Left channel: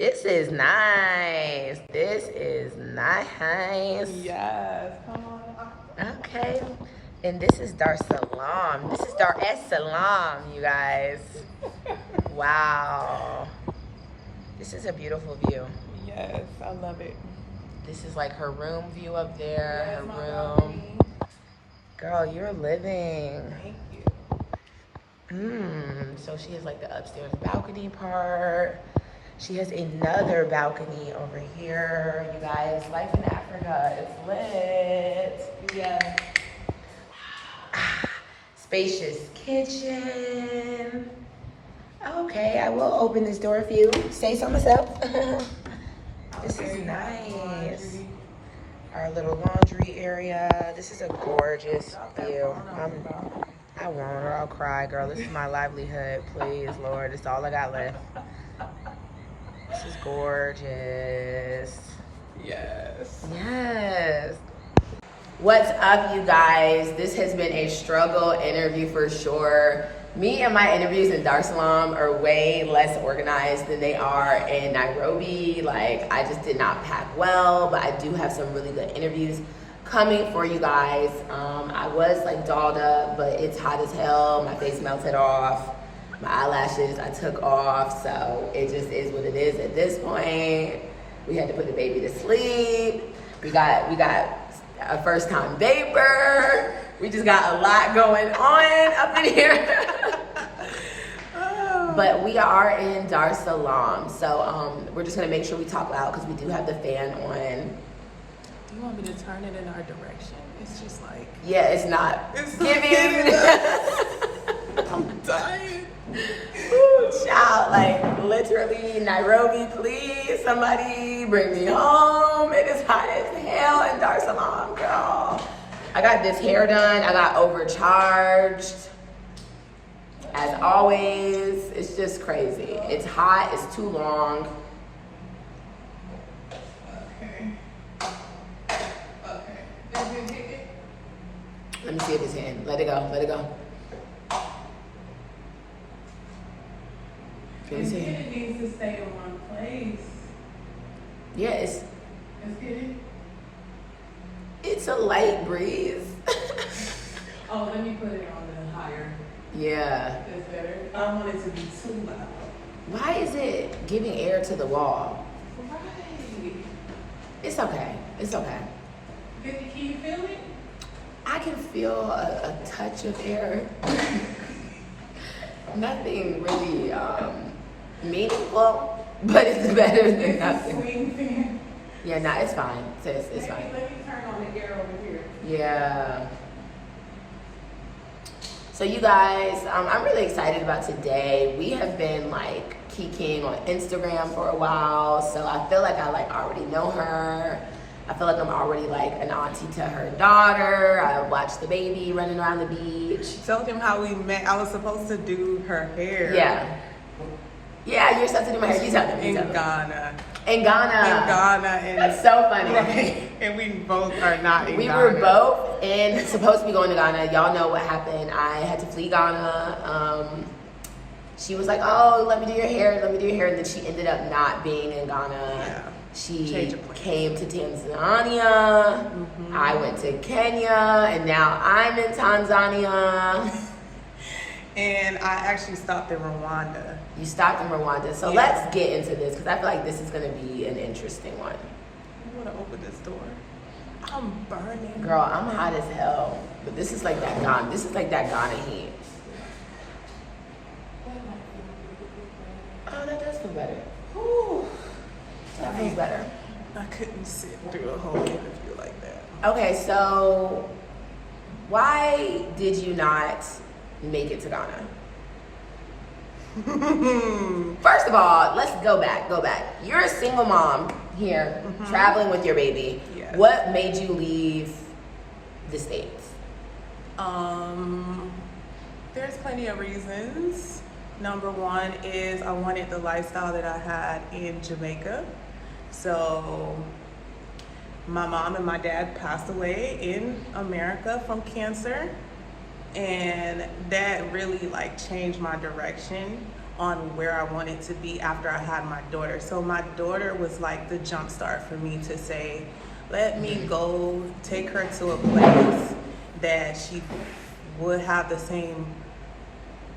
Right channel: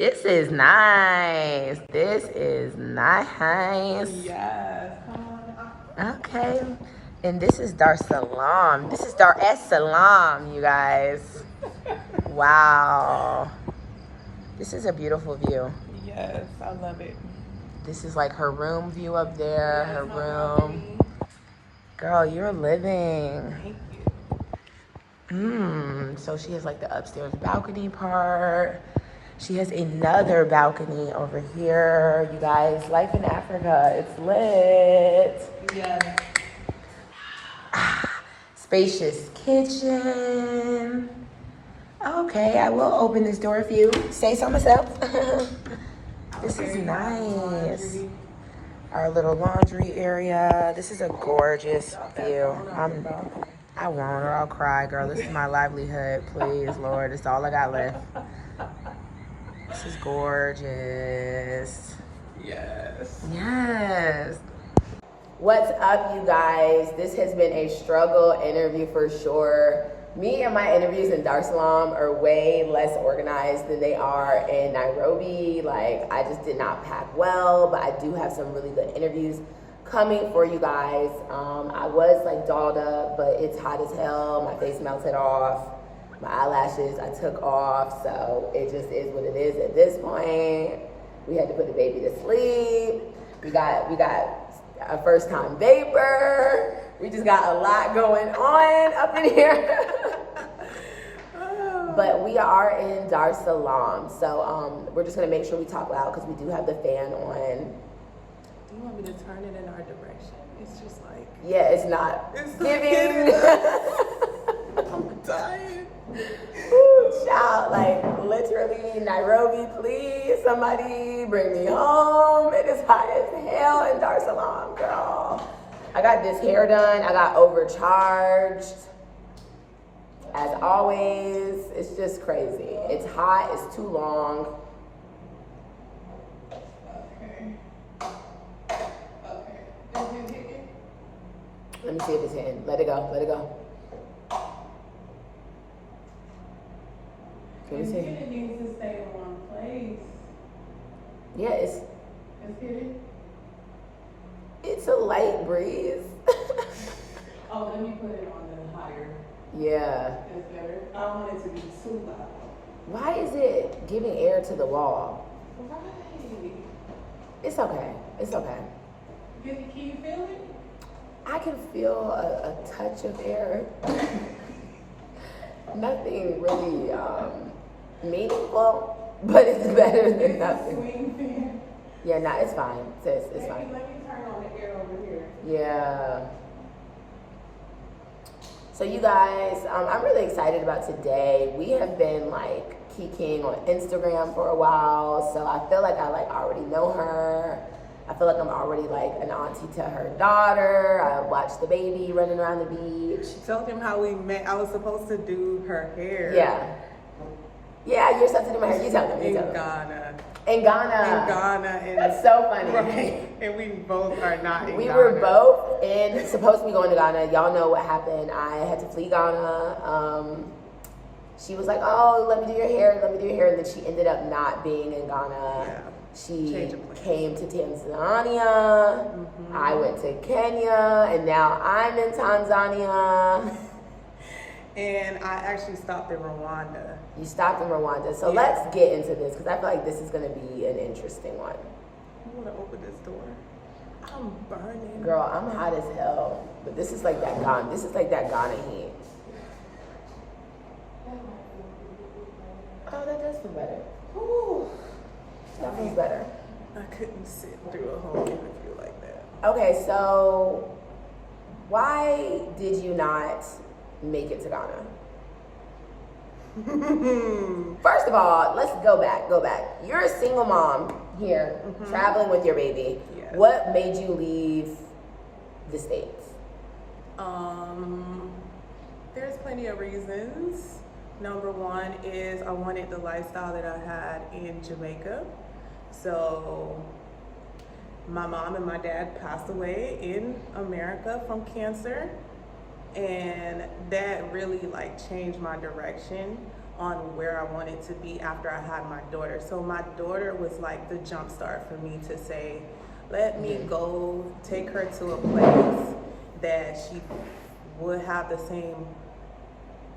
This is nice. This is nice. Yes. Come on. Okay. And this is Dar Salaam. This is Dar es Salaam, you guys. Wow. This is a beautiful view. Yes, I love it. This is like her room view up there. Yes, her my room. balcony. Girl, you're living. Thank you. So she has like the upstairs balcony part. She has another balcony over here. You guys, life in Africa, it's lit. Yes. Spacious kitchen. Okay, I will open this door for you. Say so myself. This is nice. Our little laundry area. This is a gorgeous view. I won't or I'll cry, girl. This is my livelihood. Please, Lord. It's all I got left. This is gorgeous. Yes. Yes. What's up, you guys? This has been a struggle interview for sure. Me and my interviews in Dar es Salaam are way less organized than they are in Nairobi. Like, I just did not pack well, but I do have some really good interviews coming for you guys. I was like dolled up, but it's hot as hell. My face melted off. My eyelashes I took off, so it just is what it is at this point. We had to put the baby to sleep. We got a first time vapor. We just got a lot going on up in here. But we are in Dar es Salaam, so we're just gonna make sure we talk loud because we do have the fan on. Do you want me to turn it in our direction? It's just like... Yeah, it's not It's giving. I'm dying. Ooh, child, like literally Nairobi, please, somebody bring me home. It is hot as hell in Dar es Salaam, girl. I got this hair done. I got overcharged. As always, it's just crazy. It's hot, it's too long. Okay. Is it hitting? Let me see if it's hitting. Let it go, let it go. Let me see. It needs to stay in one place. Yeah, Let's get it. it's a light breeze. Oh, let me put it on the higher. Yeah. It's better. I don't want it to be too loud. Why is it giving air to the wall? Right. It's okay. It's okay. Can you feel it? I can feel a touch of air. Nothing really meaningful, but it's better than nothing. Swing fan. Yeah, nah, it's fine, sis. It's fine. Let me turn on the air over here. Yeah. So you guys, I'm really excited about today. We have been like kikiing on Instagram for a while, so I feel like I like already know her. I feel like I'm already like an auntie to her daughter. I watched the baby running around the beach. Tell him how we met. I was supposed to do her hair. Yeah. Yeah, you're supposed to do my hair. You tell them. In Ghana. In Ghana. In Ghana. And That's so funny. Right. And we both are not in We Ghana. were both supposed to be going to Ghana. Y'all know what happened. I had to flee Ghana. She was like, oh, let me do your hair. Let me do your hair. And then she ended up not being in Ghana. Yeah. She came to Tanzania. Mm-hmm. I went to Kenya. And now I'm in Tanzania. And I actually stopped in Rwanda. You stopped in Rwanda. So Yeah. let's get into this because I feel like this is going to be an interesting one. You want to open this door? I'm burning. Girl, I'm hot as hell. But this is like that Ghana. This is like that Ghana heat. Oh, that does feel better. Whew. That feels better. I couldn't sit through a whole interview like that. Okay, so why did you not make it to Ghana? First of all, let's go back. You're a single mom here, traveling with your baby. Yes. What made you leave the States? There's plenty of reasons. Number one is I wanted the lifestyle that I had in Jamaica. So my mom and my dad passed away in America from cancer. And that really like changed my direction on where I wanted to be after I had my daughter. So my daughter was like the jump start for me to say, let me go take her to a place that she would have the same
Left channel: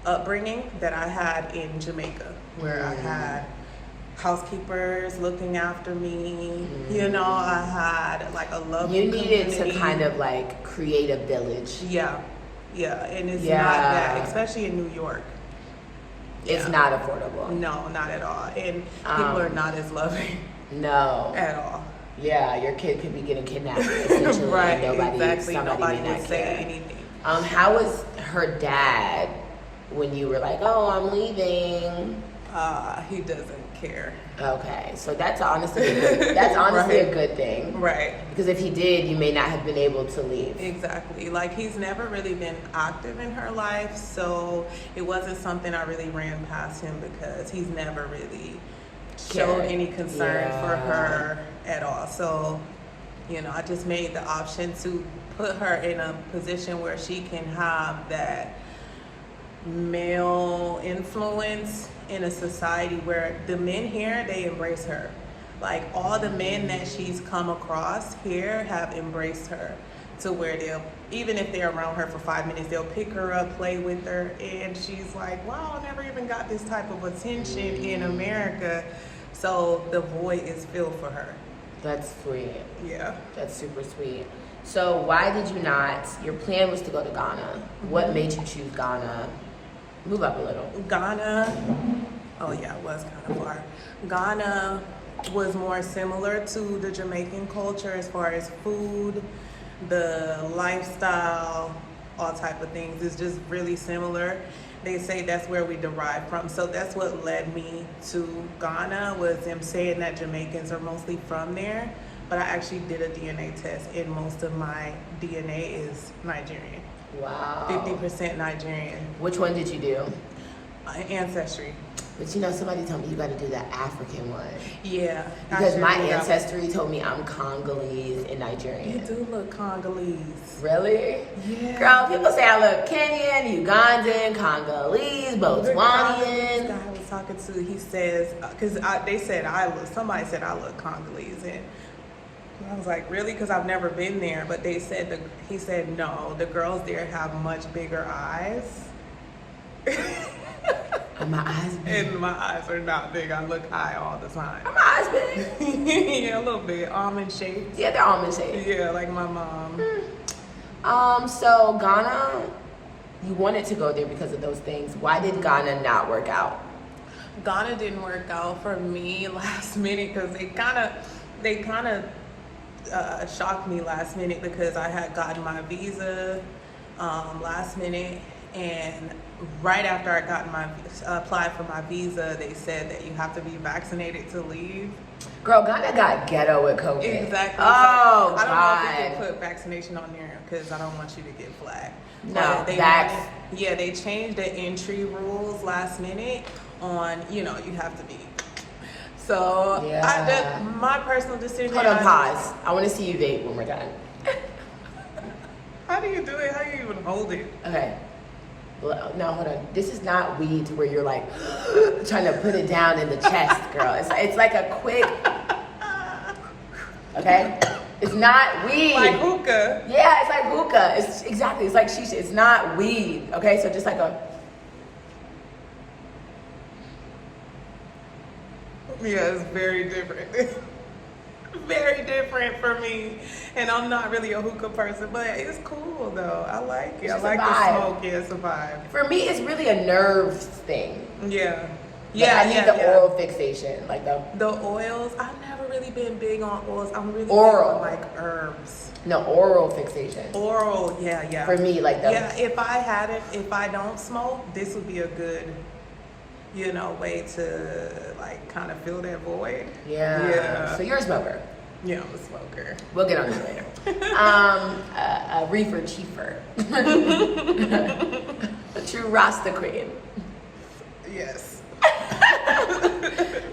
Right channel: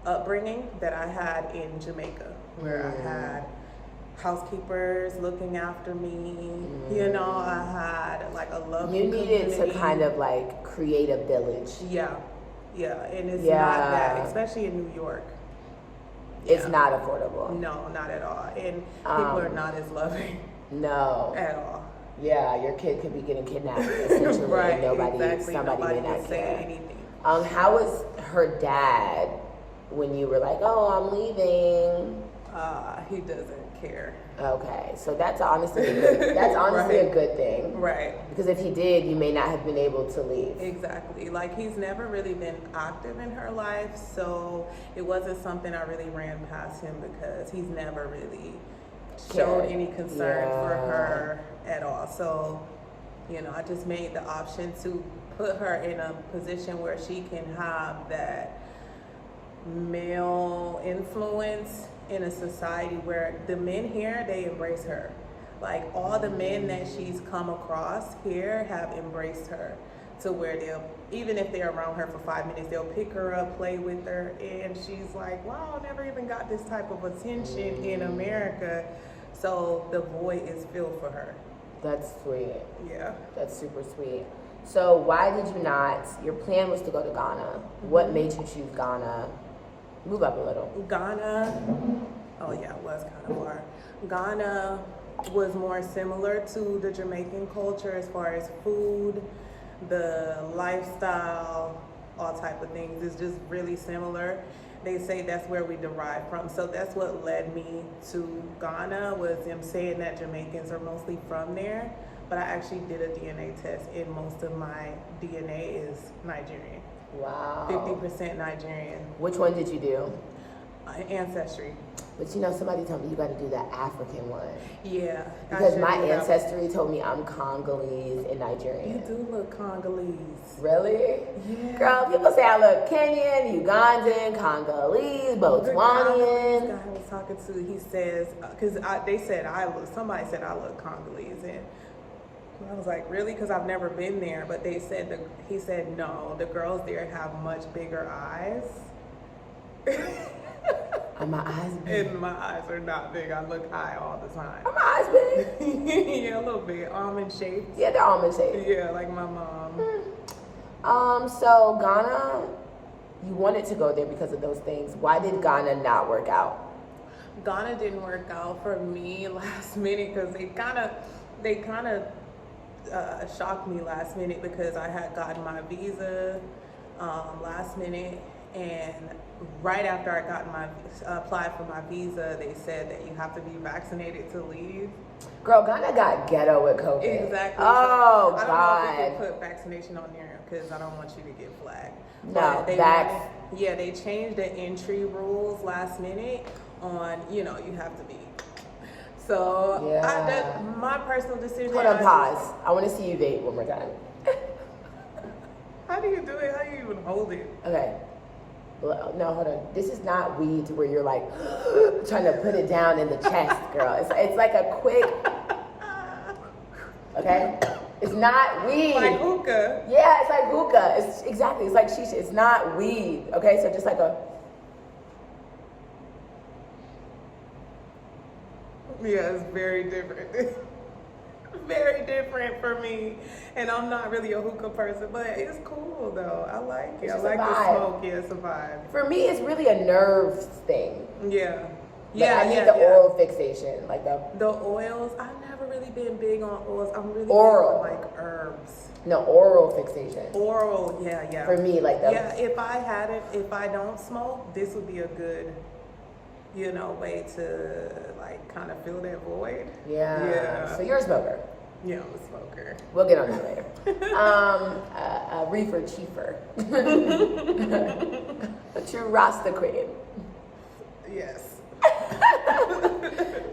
upbringing that I had in Jamaica, where I had housekeepers looking after me. You know, I had like a loving You needed community. to kind of like create a village. Yeah, and it's not that, especially in New York. It's not affordable. No, not at all. And people are not as loving. No. At all. Yeah, your kid could be getting kidnapped essentially, Right, and exactly. somebody may would not say care. anything. How was her dad when you were like, oh, I'm leaving? He doesn't care. Okay, so that's honestly a good thing. Right. Because if he did, you may not have been able to leave. Exactly. Like, he's never really been active in her life, so it wasn't something I really ran past him because he's never really showed any concern for her at all. So, you know, I just made the option to put her in a position where she can have that male influence in a society where the men here, they embrace her. Like, all the men that she's come across here have embraced her to where they'll, even if they're around her for 5 minutes, they'll pick her up, play with her, and she's like, wow, I never even got this type of attention in America. So the void is filled for her. That's sweet. Yeah. That's super sweet. So why did you not, your plan was to go to Ghana. What made you choose Ghana? Move up a little. Ghana, oh yeah, it was kind of far. Ghana was more similar to the Jamaican culture as far as food, the lifestyle, all type of things. It's just really similar. They say that's where we derive from. So that's what led me to Ghana, was them saying that Jamaicans are mostly from there. But I actually did a DNA test, and most of my DNA is Nigerian. Wow. 50% Nigerian. Which one did you do? Ancestry. But you know, somebody told me you got to do the African one. Yeah. Because my ancestry told me I'm Congolese and Nigerian. You do look Congolese. Really? Yeah. Girl, people say I look Kenyan, Ugandan, Congolese, Botswanian. This guy I was talking to, he says, because they said somebody said I look Congolese, and I was like, really? Because I've never been there. But they said, he said, no, the girls there have much bigger eyes. Are my eyes big? And my eyes are not big. I look high all the time. Are my eyes big? Yeah, a little bit. Almond shaped. Yeah, they're almond shaped. Yeah, like my mom. So Ghana, you wanted to go there because of those things. Why did Ghana not work out? Ghana didn't work out for me last minute because they kind of shocked me last minute because I had gotten my visa last minute, and right after I got applied for my visa, they said that you have to be vaccinated to leave. Girl, Ghana got ghetto with COVID. Exactly. Oh, I don't God. know if they could put vaccination on there because I don't want you to get flagged. No, they changed the entry rules last minute on, you have to be. So my personal decision. Hold on, pause. I want to see you vape when we're done. How do you do it? How do you even hold it? Okay. No, hold on. This is not weed to where you're like trying to put it down in the chest, girl. It's like a quick. Okay. It's not weed. Like hookah. Yeah, it's like hookah. It's like shisha. It's not weed. Okay, so just like a. Yeah, it's very different. Very different for me, and I'm not really a hookah person, but it's cool though. I like it. I like the smoke. Yeah, it's a vibe. For me, it's really a nerves thing. Yeah. I need the oral fixation, like the oils. I've never really been big on oils. I'm really oral, big on like herbs. No, oral fixation. Oral, yeah. For me, like the if I don't smoke, this would be a good, way to like kind of fill that void. Yeah. So you're a smoker. Yeah, I'm a smoker. We'll get on this later. A reefer chiefer. A true Rasta queen. Yes.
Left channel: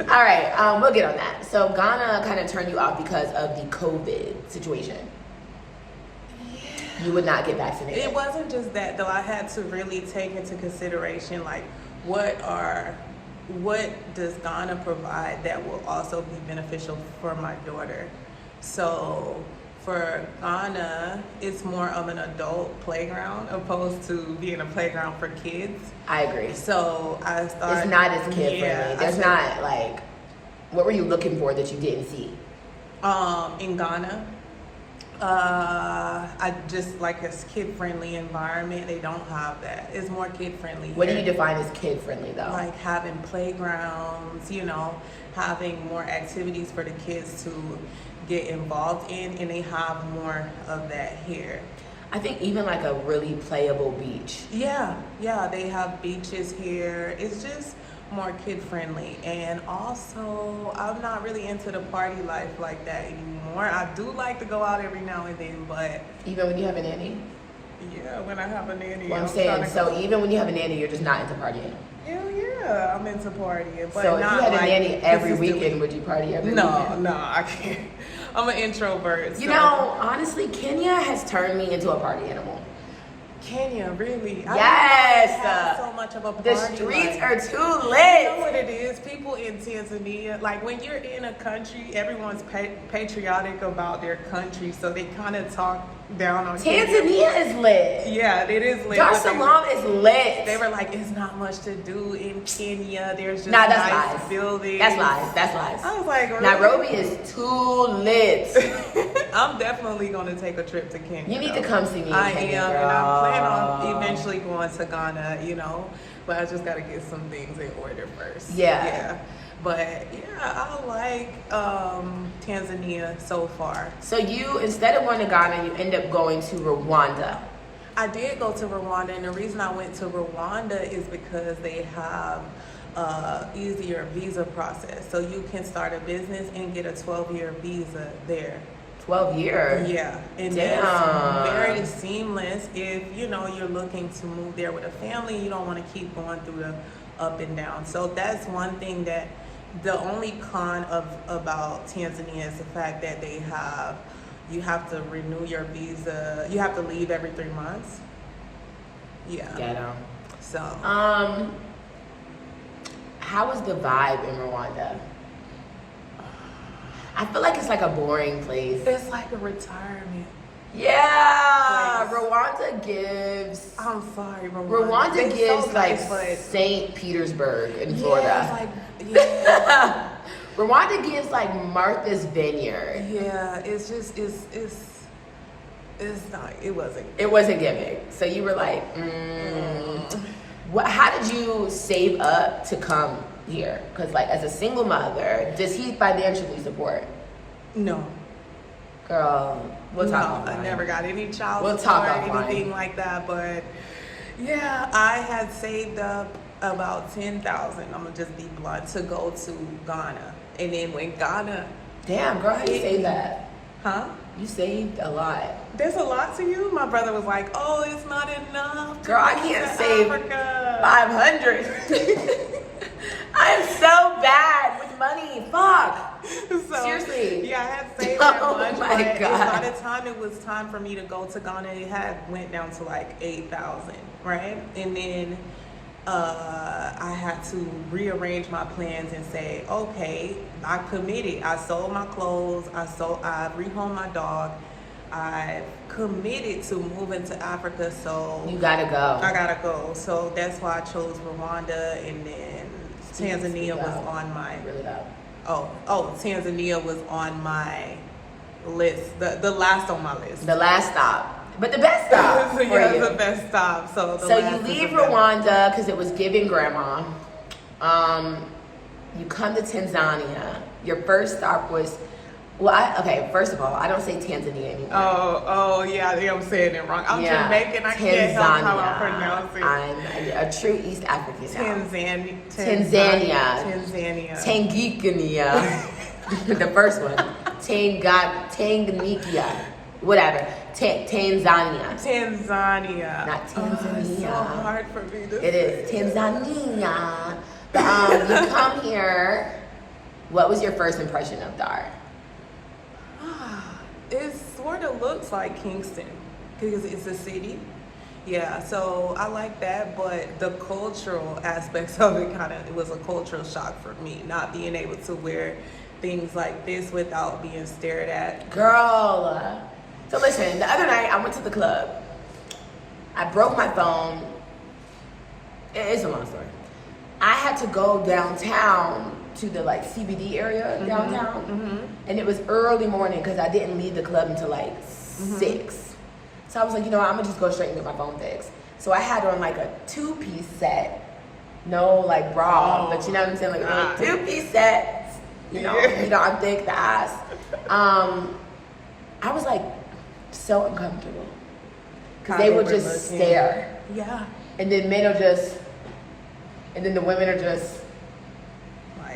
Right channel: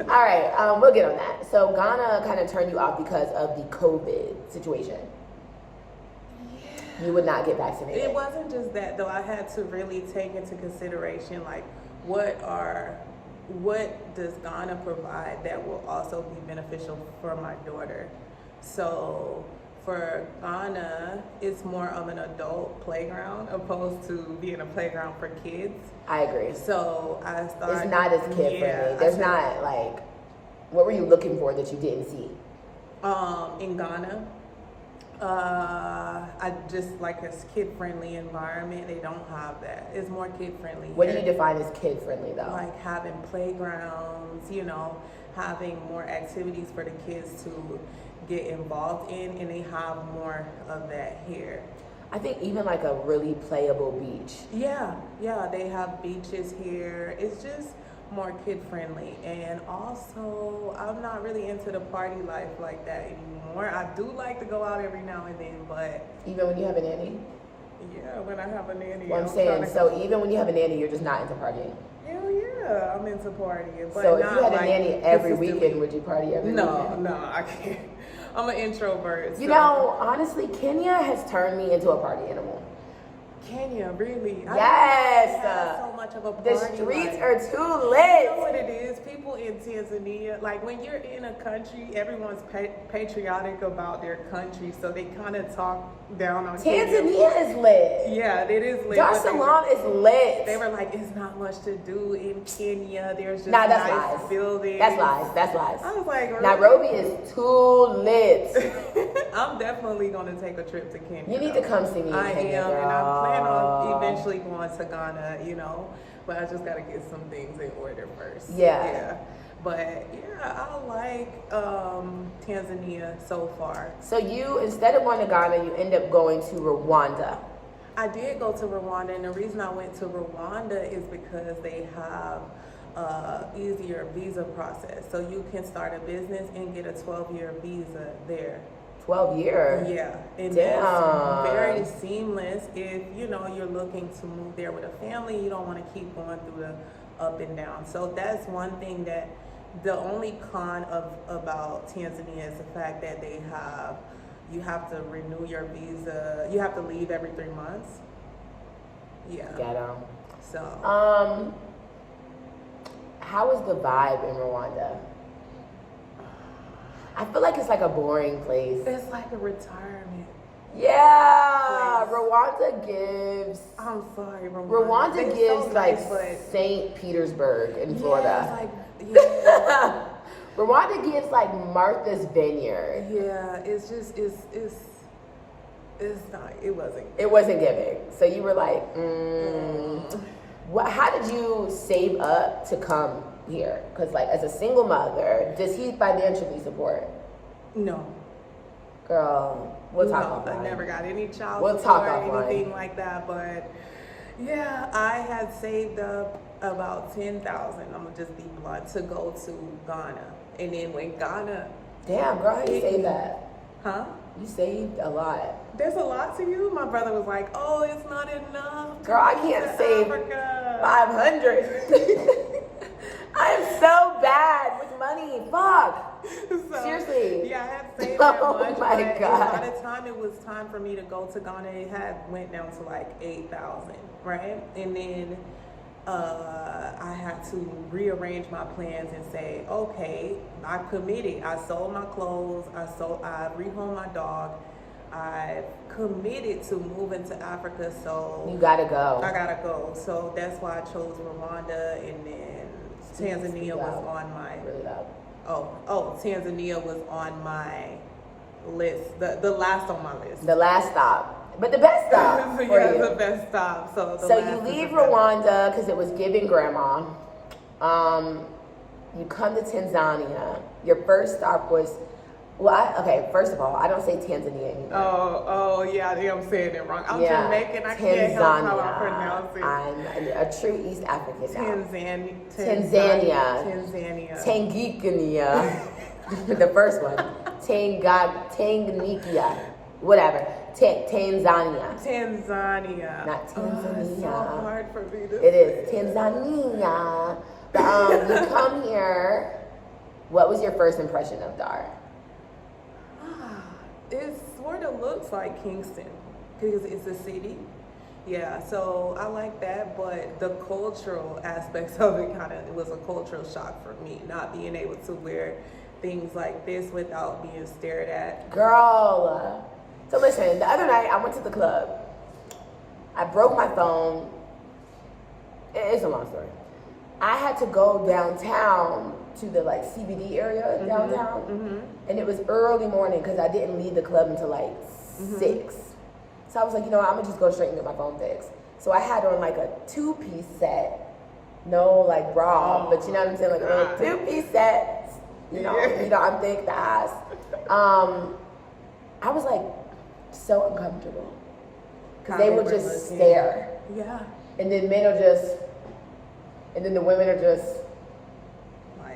All right, we'll get on that. So Ghana kind of turned you off because of the COVID situation. Yeah. You would not get vaccinated. It wasn't just that though. I had to really take into consideration like what are what does Ghana provide that will also be beneficial for my daughter? So for Ghana, it's more of an adult playground opposed to being a playground for kids. I agree. So I started. It's not as kid friendly. There's not like, what were you looking for that you didn't see? In Ghana, I just like a kid friendly environment. They don't have that. It's more kid friendly. What do you define as kid friendly though? Like having playgrounds, having more activities for the kids to get involved in, and they have more of that here. I think even like a really playable beach. Yeah, they have beaches here. It's just more kid friendly, and also I'm not really into the party life like that anymore. I do like to go out every now and then, but even when you have a nanny? Yeah, when I have a nanny. Well, I'm saying, so even when you have a nanny, you're just not into partying? Hell yeah, I'm into partying. But so if not you had a nanny every consistently. weekend, would you party every weekend? No, I can't. I'm an introvert. You know, honestly, Kenya has turned me into a party animal. Kenya, really? Yes. I have so much of a party. The streets life. are too lit. You know what it is? People in Tanzania, like when you're in a country, everyone's patriotic about their country, so they kind of talk down on Tanzania is lit. Yeah, it is lit. Dar es Salaam is lit. They were like, it's not much to do in Kenya. There's just that's nice lies. buildings. That's lies. I was like, really? Nairobi is too lit. I'm definitely gonna take a trip to Kenya. You need to come see me in Kenya, am, girl. and I plan on eventually going to Ghana, but I just gotta get some things in order first. Yeah. But yeah, I like Tanzania so far. So you, instead of going to Ghana, you end up going to Rwanda. I did go to Rwanda, and the reason I went to Rwanda is because they have easier visa process. So you can start a business and get a 12-year visa there. 12 years? Yeah. And damn. That's very seamless if, you're looking to move there with a family. You don't want to keep going through the up and down. So that's one thing that the only con about Tanzania is the fact that you have to renew your visa. You have to leave every 3 months. Yeah. Ghetto. So. How was the vibe in Rwanda? I feel like it's like a boring place. It's like a retirement. Yeah, place. Rwanda gives. I'm sorry, Rwanda gives so like nice, St. Petersburg in Florida. Yeah. Rwanda gives like Martha's Vineyard. Yeah, it's not. It wasn't. It wasn't giving. So you were like, how did you save up to come here? Because like as a single mother, does he financially support? No. Girl, we'll talk offline. I never got any child We'll support talk or offline. anything like that. But yeah, I had saved up about 10,000. I'm gonna just be blunt, to go to Ghana, and then when Ghana. Damn, girl, how you say that? Huh? You saved a lot. There's a lot to you. My brother was like, "Oh, it's not enough." Girl, I can't save Africa. 500. I am so bad with money. Fuck. So, seriously. Yeah, I had saved that Oh much. my but God. by the time it was time for me to go to Ghana, it had went down to like 8,000, right? And then I had to rearrange my plans and say, okay, I committed. I sold my clothes. I rehomed my dog. I committed to moving to Africa, so You gotta go. I gotta go. So that's why I chose Rwanda, and then Tanzania was on my Really loud. Tanzania was on my list. The last on my list. The last stop. But the best stop for yeah, you. the best stop. So You leave Rwanda because it was giving grandma. You come to Tanzania. Your first stop was, first of all, I don't say Tanzania anymore. Oh, yeah, I think I'm saying it wrong. I'm Jamaican. I can't help how I pronounce it. I'm a true East African now. Tanzania. Tanganyika. The first one. Tanganyika. Whatever. Tanzania. Not Tanzania. It's so hard for me to It is Tanzania. But, you come here. What was your first impression of Dar? It sort of looks like Kingston because it's a city, Yeah, so I like that, but the cultural aspects of it it was a cultural shock for me, not being able to wear things like this without being stared at. Girl. So listen, the other night I went to the club. I broke my phone. It's a long story. I had to go downtown to the like CBD area downtown, and it was early morning because I didn't leave the club until like 6. So I was like, you know what, I'm gonna just go straight and get my phone fixed. So I had on like a 2-piece set, no like bra, but you know what I'm saying, like a 2-piece set. You know, I'm thick, the ass. I was like so uncomfortable because they would just stare. Yeah. And then men are just, and then the women are just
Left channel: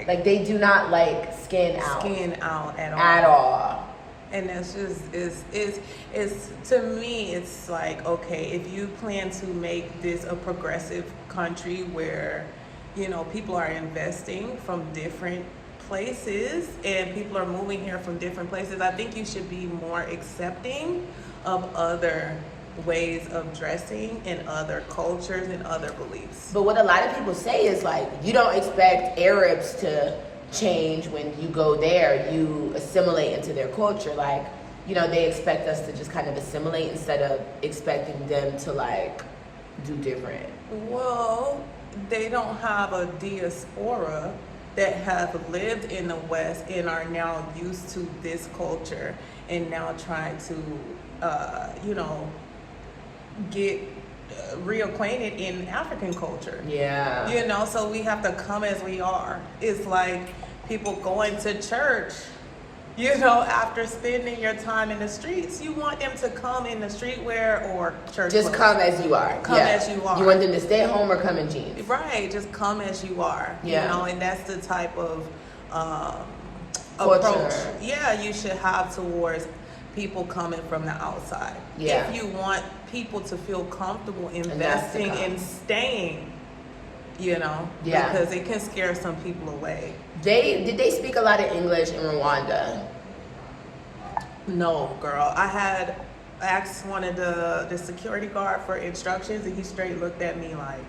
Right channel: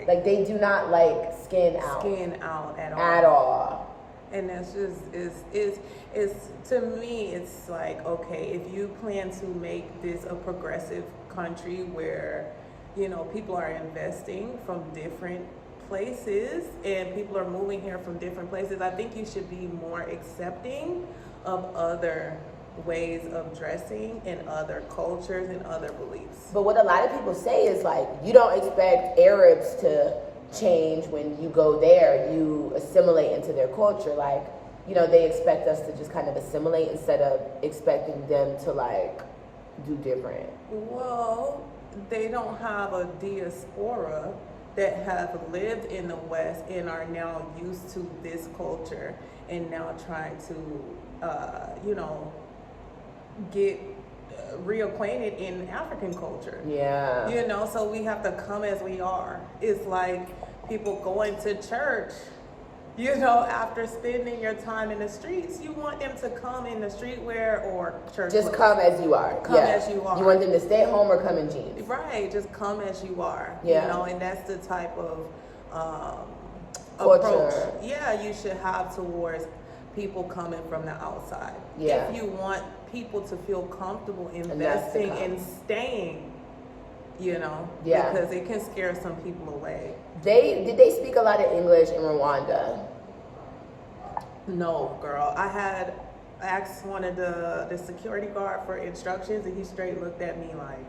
like they do not like skin out at all. And that's just it's to me it's like, okay, if you plan to make this a progressive country where, you know, people are investing from different places and people are moving here from different places, I think you should be more accepting of other ways of dressing and other cultures and other beliefs. But what a lot of people say is like, you don't expect Arabs to change when you go there. You assimilate into their culture. Like, you know, they expect us to just kind of assimilate instead of expecting them to like do different. Well, they don't have a diaspora that have lived in the West and are now used to this culture and now trying to, you know, get reacquainted in African culture. Yeah. You know, so we have to come as we are. It's like people going to church, you know, after spending your time in the streets, you want them to come in the streetwear or church. Just clothes. come as you are. Come as you are. You want them to stay at home or come in jeans. Right, just come as you are. Yeah. You know, and that's the type of culture approach, yeah, you should have towards people coming from the outside. Yeah. If you want people to feel comfortable investing and staying, you know, yeah, because it can scare some people away. Did they speak a lot of English in Rwanda? No, girl. I asked one of the security guard for instructions, and he straight looked at me like,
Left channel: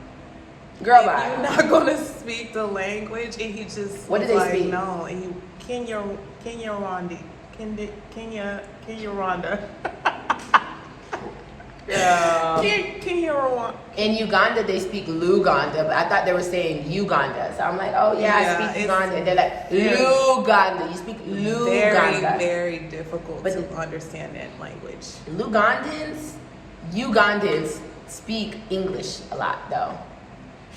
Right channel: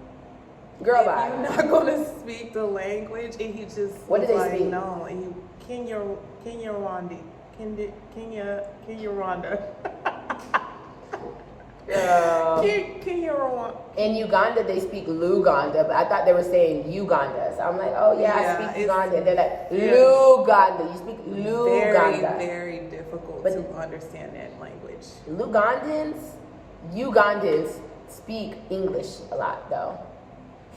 "Girl, if bye. You're not gonna speak the language," and he just what did they speak? No, and he Kenya Rwanda. Girl. Kenya Rwanda. In Uganda, they speak Luganda, but I thought they were saying Uganda. So I'm like, oh yeah, I speak Uganda. And they're like, Luganda. You speak Luganda. Very, very difficult to understand that language. Ugandans speak English a lot though.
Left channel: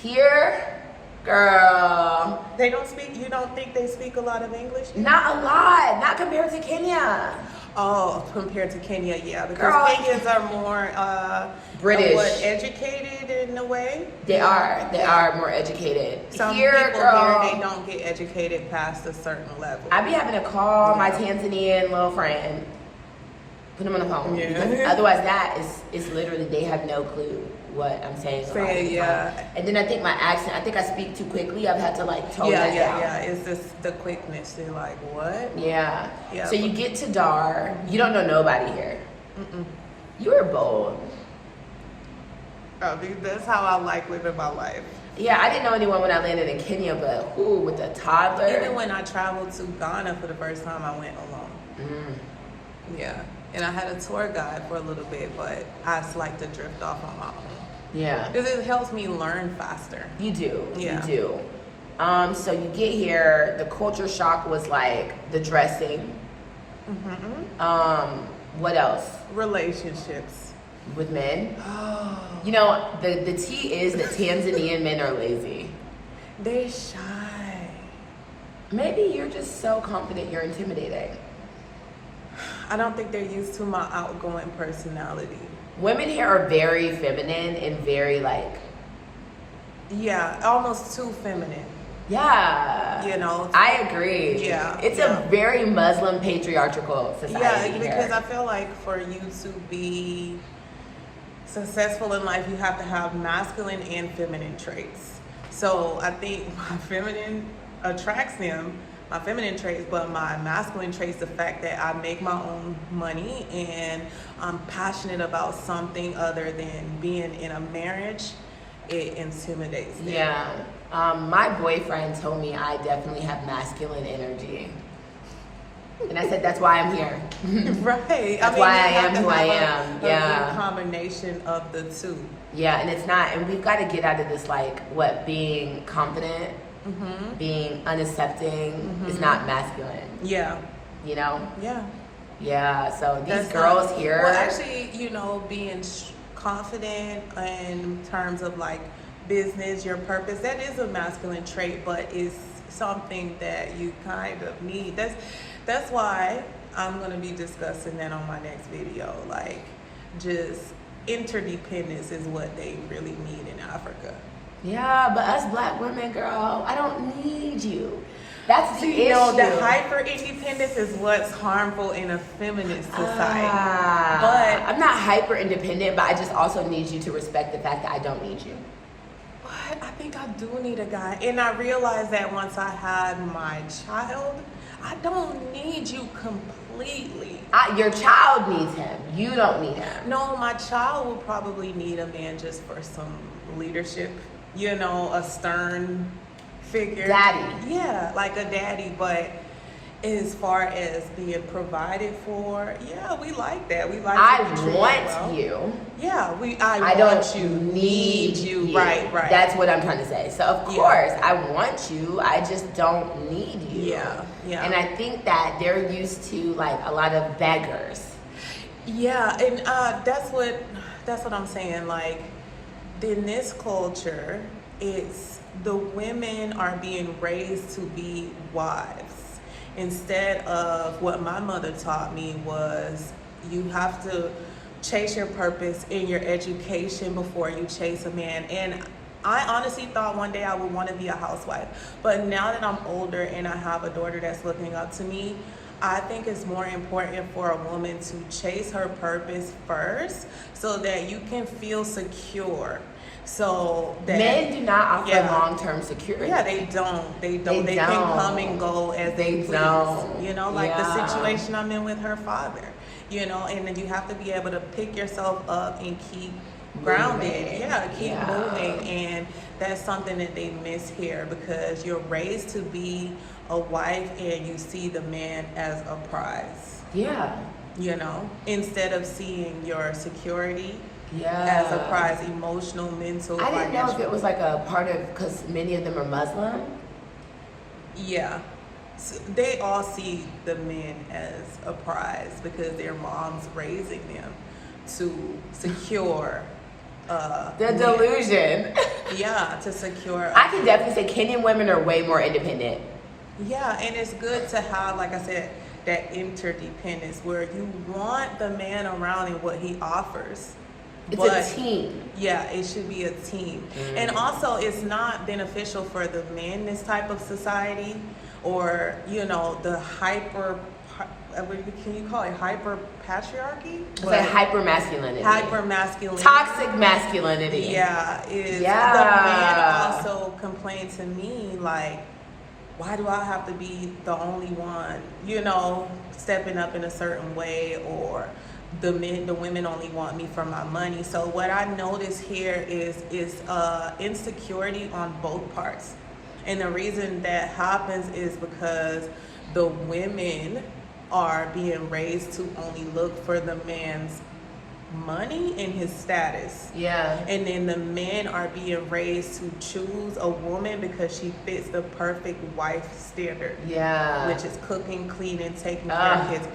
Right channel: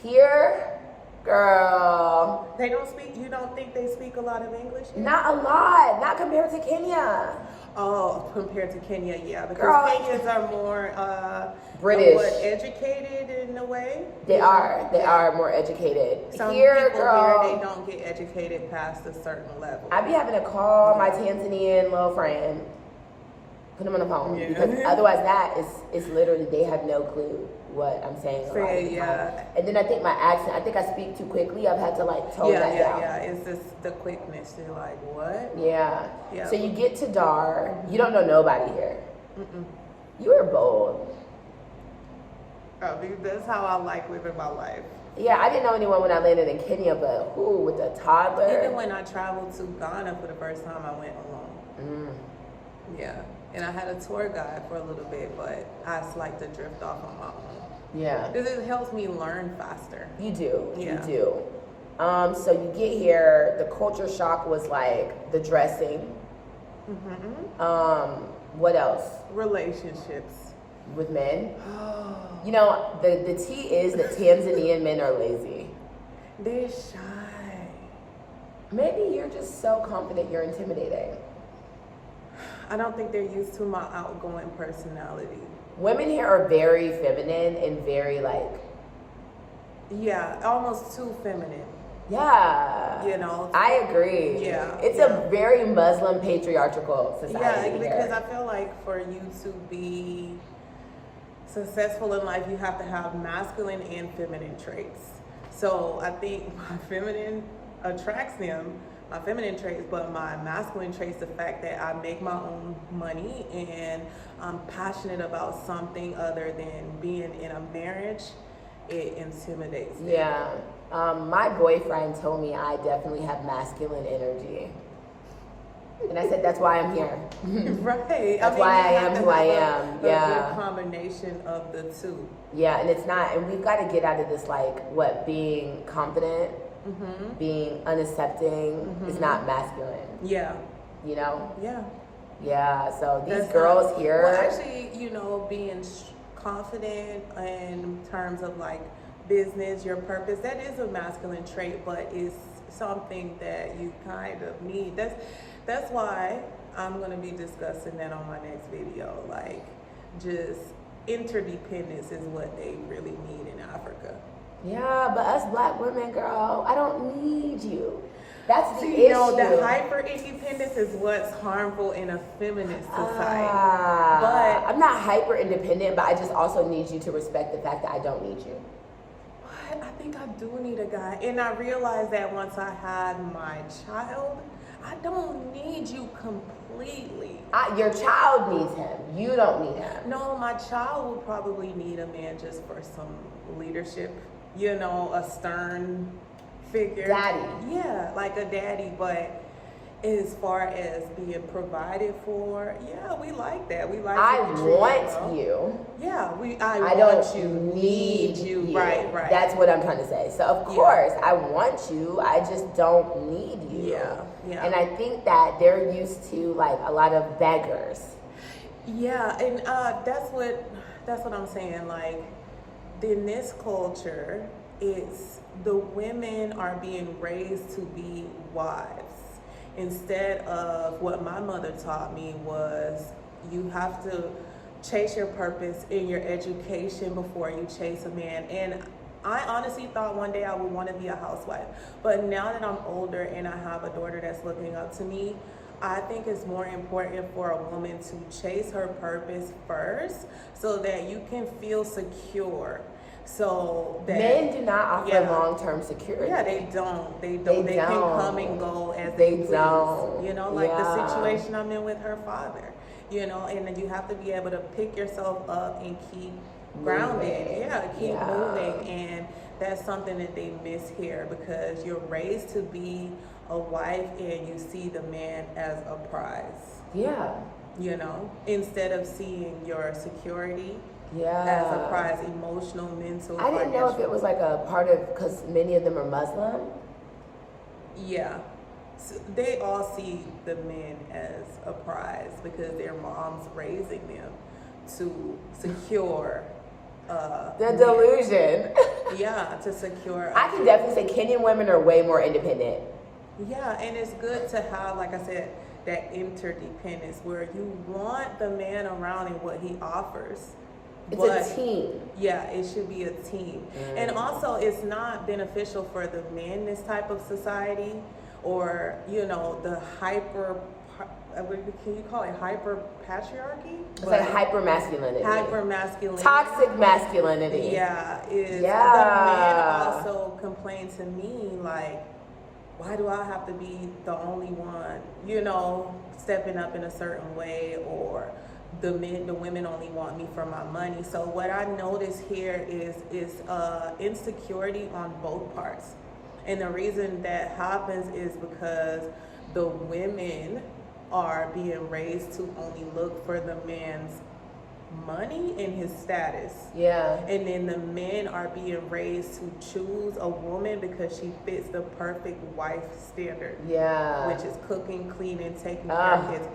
Here, girl. They don't speak, you don't think they speak a lot of English? Not a lot. Not compared to Kenya. Oh, compared to Kenya, yeah. Because girl, Kenyans are more British. Educated in a way. They are more educated. Some here, people girl, here, they don't get educated past a certain level. I be having to call my Tanzanian little friend, put him on the phone, because otherwise it's literally they have no clue what I'm saying. And then I think my accent, I think I speak too quickly. I've had to like tone that down. Yeah, it's just the quickness. They're like, what? Yeah. So you get to Dar, you don't know nobody here. You were bold. Oh, dude, that's how I like living my life. Yeah, I didn't know anyone when I landed in Kenya, but with the toddler. Even when I traveled to Ghana for the first time, I went alone. Yeah. And I had a tour guide for a little bit, but I just like to drift off on my own. Yeah. Because it helps me learn faster. You do. Yeah. You do. So you get here, the culture shock was like the dressing. What else? Relationships. With men? Oh. You know, the tea is that Tanzanian men are lazy. They're shy. Maybe you're just so confident you're intimidating. I don't think they're used to my outgoing personality. Women here are very feminine and very like... Yeah, almost too feminine. Yeah. You know? I agree. Yeah. It's a very Muslim patriarchal society. Yeah, because I feel like for you to be successful in life, you have to have masculine and feminine traits. So I think my feminine attracts them, my feminine traits, but my masculine traits, the fact that I make my own money and I'm passionate about something other than being in a marriage, it intimidates them. Yeah. My boyfriend told me I definitely have masculine energy. And I said, that's why I'm here. Right. That's why I am who I am. Yeah. A good combination of the two. Yeah, and it's not, and we've got to get out of this, like, being confident, being unaccepting is not masculine. Yeah. You know? Yeah. Yeah, so these That's girls not, here. Well, actually, you know, being confident in terms of like business, your purpose, that is a masculine trait, but it's something that you kind of need. That's why I'm going to be discussing that on my next video. Like, just interdependence is what they really need in Africa. Yeah, but us black women, girl, I don't need you. That's the issue. You know, the hyper independence is what's harmful in a feminist society. But I'm not hyper independent, but I just also need you to respect the fact that I don't need you. But I think I do need a guy. And I realized that once I had my child, I don't need you completely. Your child needs him. You don't need him. No, my child will probably need a man just for some leadership. You know, a stern figure. Daddy. Yeah, like a daddy. But as far as being provided for, yeah, we like that. We like. I to be treated want well. you. Yeah, I don't need you. Right. That's what I'm trying to say. So of course I want you. I just don't need you. Yeah. And I think that they're used to like a lot of beggars. Yeah, and that's what I'm saying. Like, in this culture, it's the women are being raised to be wives instead of what my mother taught me was you have to chase your purpose in your education before you chase a man. And I honestly thought one day I would want to be a housewife, but now that I'm older and I have a daughter that's looking up to me, I think it's more important for a woman to chase her purpose first so that you can feel secure. So that men do not offer long-term security. Yeah, they don't. They can come and go as they please. Don't. You know, like the situation I'm in with her father. You know, and then you have to be able to pick yourself up and keep grounded. Yeah, keep moving. And that's something that they miss here because you're raised to be a wife and you see the man as a prize. Yeah. You know, instead of seeing your security as a prize, emotional, mental. I didn't know if it was like a part of, because many of them are Muslim. Yeah. So they all see the men as a prize because their mom's raising them to secure the delusion. Yeah, to secure. I can definitely say Kenyan women are way more independent. Yeah, and it's good to have, like I said, that interdependence where you want the man around and what he offers. It's a team. Yeah, it should be a team. And also, it's not beneficial for the men in this type of society or, you know, the can you call it hyper patriarchy? It's like hyper masculinity. Hyper masculinity. Toxic masculinity. Yeah, the man also complained to me, like, why do I have to be the only one, you know, stepping up in a certain way, or the women only want me for my money. So what I notice here is insecurity on both parts. And the reason that happens is because the women are being raised to only look for the man's money and his status. Yeah. And then the men are being raised to choose a woman because she fits the perfect wife standard. Yeah. Which is cooking, cleaning, taking care of kids.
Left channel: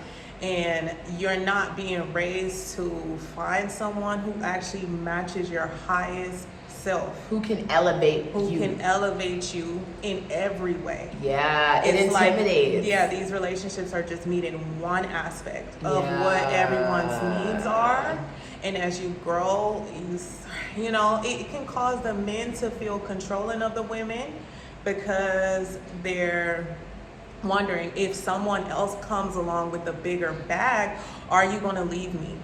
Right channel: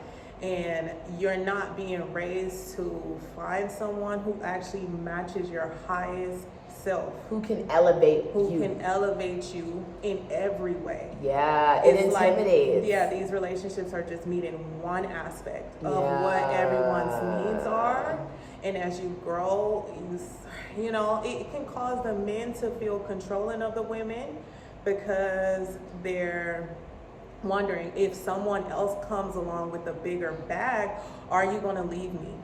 And you're not being raised to find someone who actually matches your highest self. Who can elevate you. Who can elevate you in every way. Yeah, it intimidates. Like, these relationships are just meeting one aspect of what everyone's needs are. And as you grow, you know, it can cause the men to feel controlling of the women because they're wondering if someone else comes along with a bigger bag, are you going to leave me?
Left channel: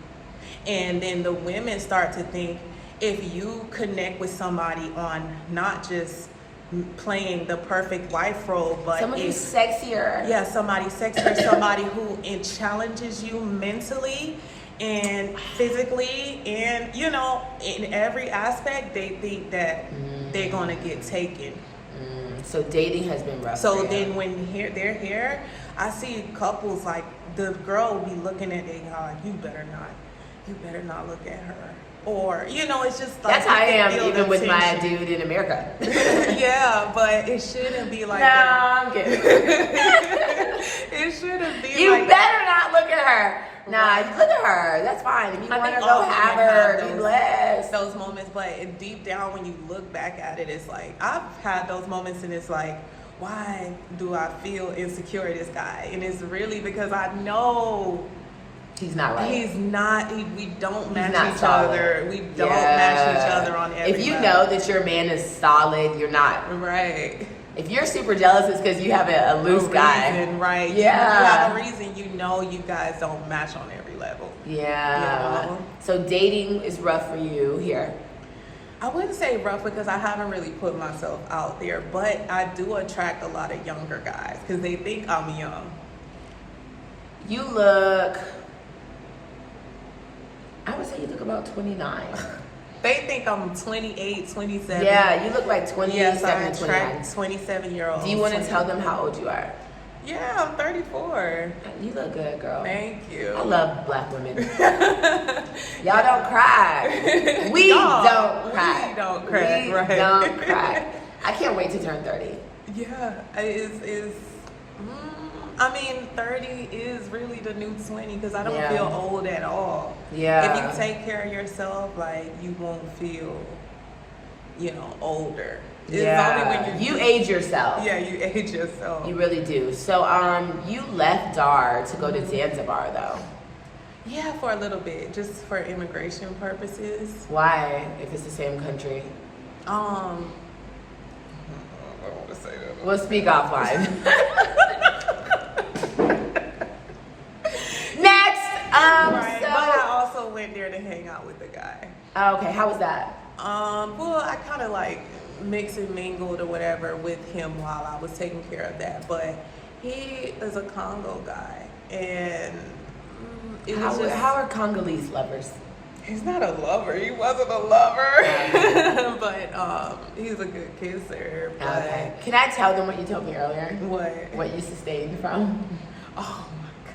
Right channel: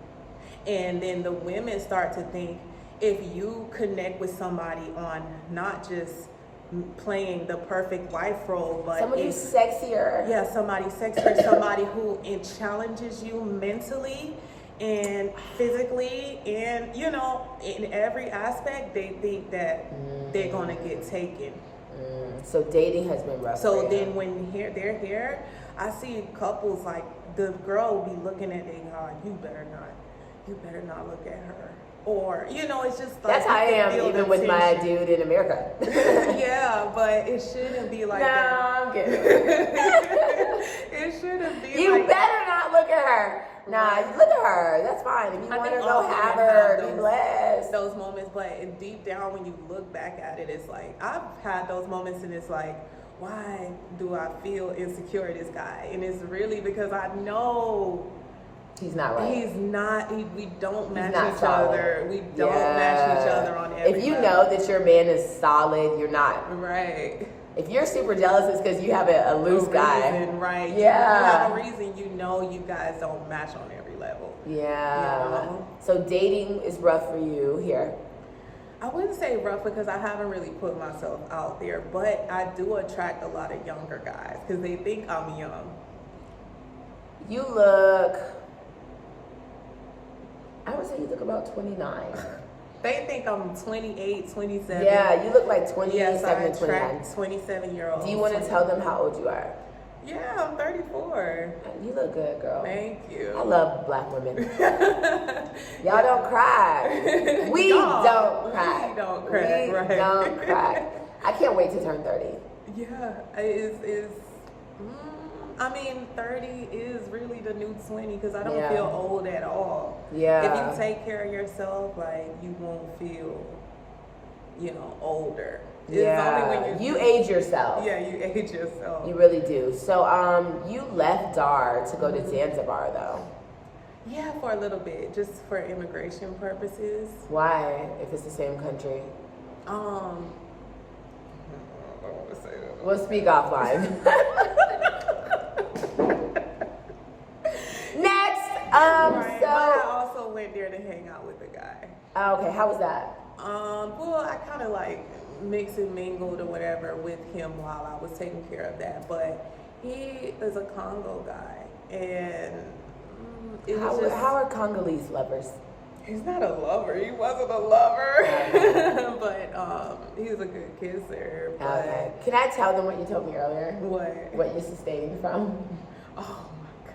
And then the women start to think, if you connect with somebody on not just playing the perfect wife role, but someone who's sexier. Yeah, somebody sexier, somebody who challenges you mentally and physically, and in every aspect. They think that they're gonna get taken. So dating has been rough. So then when they're here, I see couples like the girl will be looking at their guy, you better not look at her. Or, it's just like... That's how I am, even with my dude in America. Yeah, but it shouldn't be like that. I'm kidding. It shouldn't be You better not look at her. Nah, you look at her. That's fine. If you want to go have her, be blessed. Those moments, but deep down when you look back at it, it's like, I've had those moments and it's like, why do I feel insecure at this guy? And it's really because I know... He's not right. He's not. We don't match each solid. Other. We don't match each other on every If you level. know that your man is solid, you're not. Right. If you're super jealous, it's because you have a loose guy. Right. Yeah. You have a reason. You guys don't match on every level. Yeah. So dating is rough for you here. I wouldn't say rough because I haven't really put myself out there, but I do attract a lot of younger guys because they think I'm young. You look... I would say you look about 29. They think I'm 28, 27. Yeah, you look like 27 yes, and 29. 27-year-olds. Do you want to tell them how old you are? Yeah, I'm 34. You look good, girl. Thank you. I love black women. Y'all don't cry. We don't cry. We don't cry. We right. don't cry. I can't wait to turn 30. Yeah, I mean, 30 is really the new 20 because I don't feel old at all. Yeah. If you take care of yourself, like, you won't feel, older. It's only when you age yourself. Yeah, you age yourself. You really do. So, you left Dar to go to Zanzibar, though. Yeah, for a little bit, just for immigration purposes. Why, if it's the same country? I don't want to say that. We'll speak offline. Next, right. so... But I also went there to hang out with the guy. Oh, okay, how was that? Well, I kind of like mixed and mingled or whatever with him while I was taking care of that. But he is a Congo guy, and how are Congolese lovers? He's not a lover. He wasn't a lover, but he's a good kisser. But okay. Can I tell them what you told me earlier? What? What you sustained from? Oh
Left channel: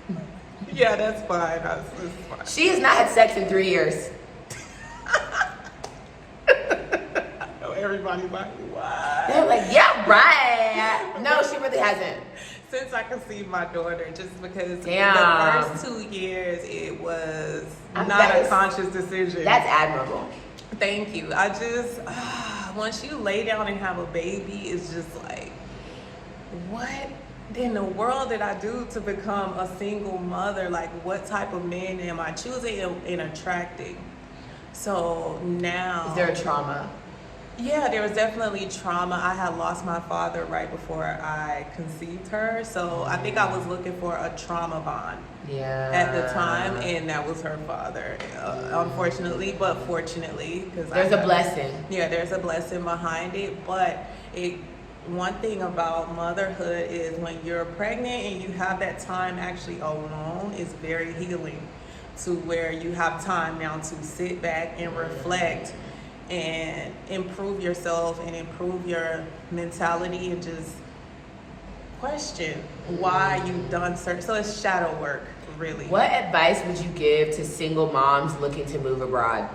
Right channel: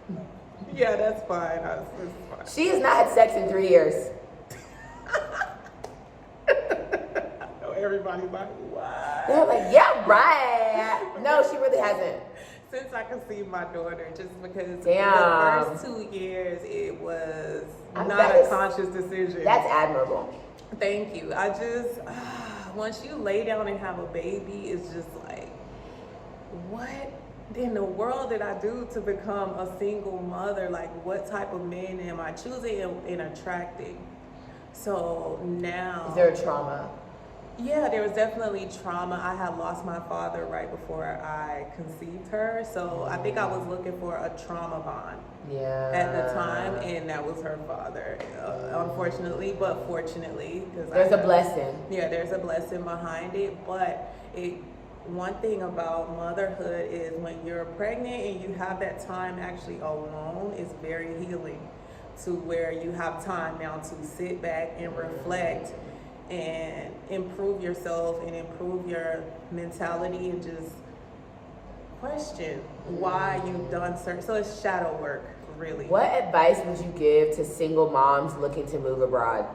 my God. Yeah, that's fine. That's fine. She has not had sex in 3 years. I know everybody's like, what? They're like, yeah, right. No, she really hasn't. Since I conceived my daughter, just because Damn. the first 2 years it was not a conscious decision. That's admirable. Thank you. I just, once you lay down and have a baby, it's just like, what in the world did I do to become a single mother? Like, what type of man am I choosing and attracting? So now... Is there a trauma? Yeah, there was definitely trauma. I had lost my father right before I conceived her. So I think I was looking for a trauma bond at the time. And that was her father, unfortunately, but fortunately. There's a blessing. Yeah, there's a blessing behind it. But one thing about motherhood is when you're pregnant and you have that time actually alone, it's very healing to where you have time now to sit back and reflect and improve yourself and improve your mentality and just question why you've done certain. So it's shadow work, really. What advice would you give to single moms looking to move abroad?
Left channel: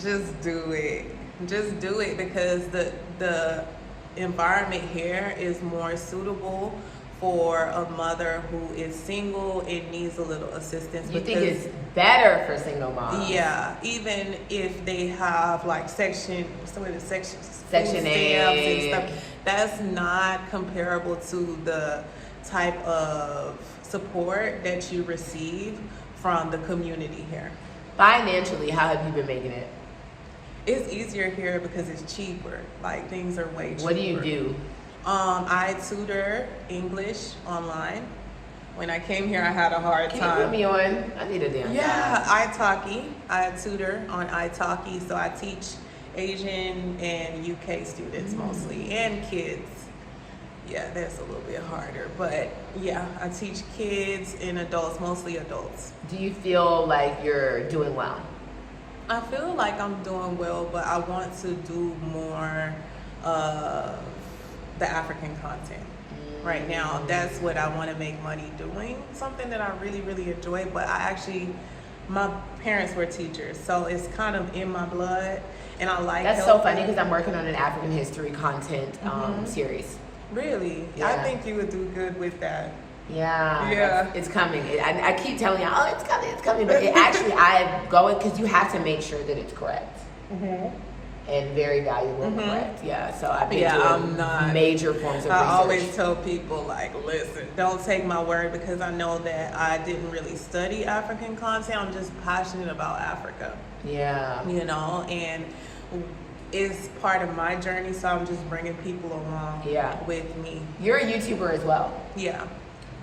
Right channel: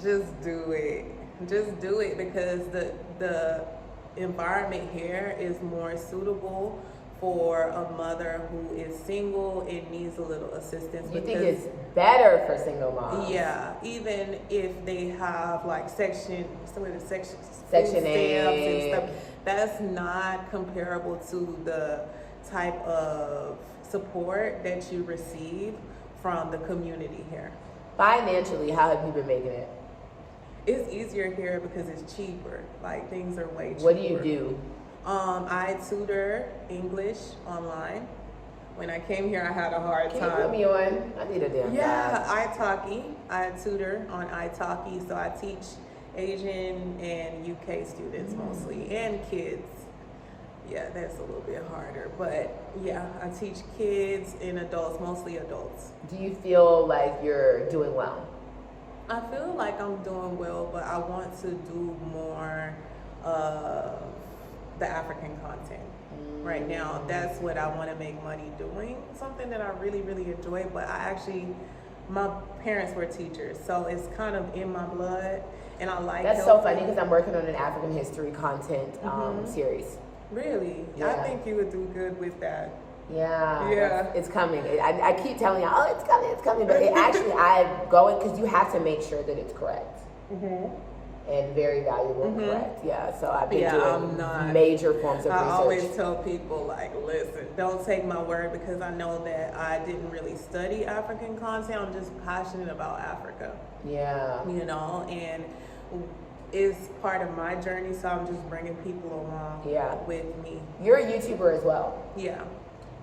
Just do it. Just do it because the environment here is more suitable for a mother who is single and needs a little assistance. You think it's better for single moms? Yeah, even if they have like Section Section 8 and stuff, that's not comparable to the type of support that you receive from the community here. Financially, how have you been making it? It's easier here because it's cheaper. Like, things are way cheaper. What do you do? I tutor English online. When I came here, I had a hard time. Can you put me on? I need a damn job. italki. I tutor on italki, so I teach Asian and UK students mostly, and kids. Yeah, that's a little bit harder. But yeah, I teach kids and adults, mostly adults. Do you feel like you're doing well? I feel like I'm doing well, but I want to do more of the African content. Right now, that's what I want to make money doing, something that I really, really enjoy. But my parents were teachers, so it's kind of in my blood, and I like That's so funny because I'm working on an African history content series. Really? Yeah. I think you would do good with that. Yeah, it's coming. I keep telling you, oh, it's coming, but it actually, I'm going, because you have to make sure that it's correct. And very valuable and correct. Yeah, so I've been doing major forms of research. I always tell people, like, listen, don't take my word, because I know that I didn't really study African content. I'm just passionate about Africa. Yeah. You know, and it's part of my journey, so I'm just bringing people along with me. You're a YouTuber as well. Yeah.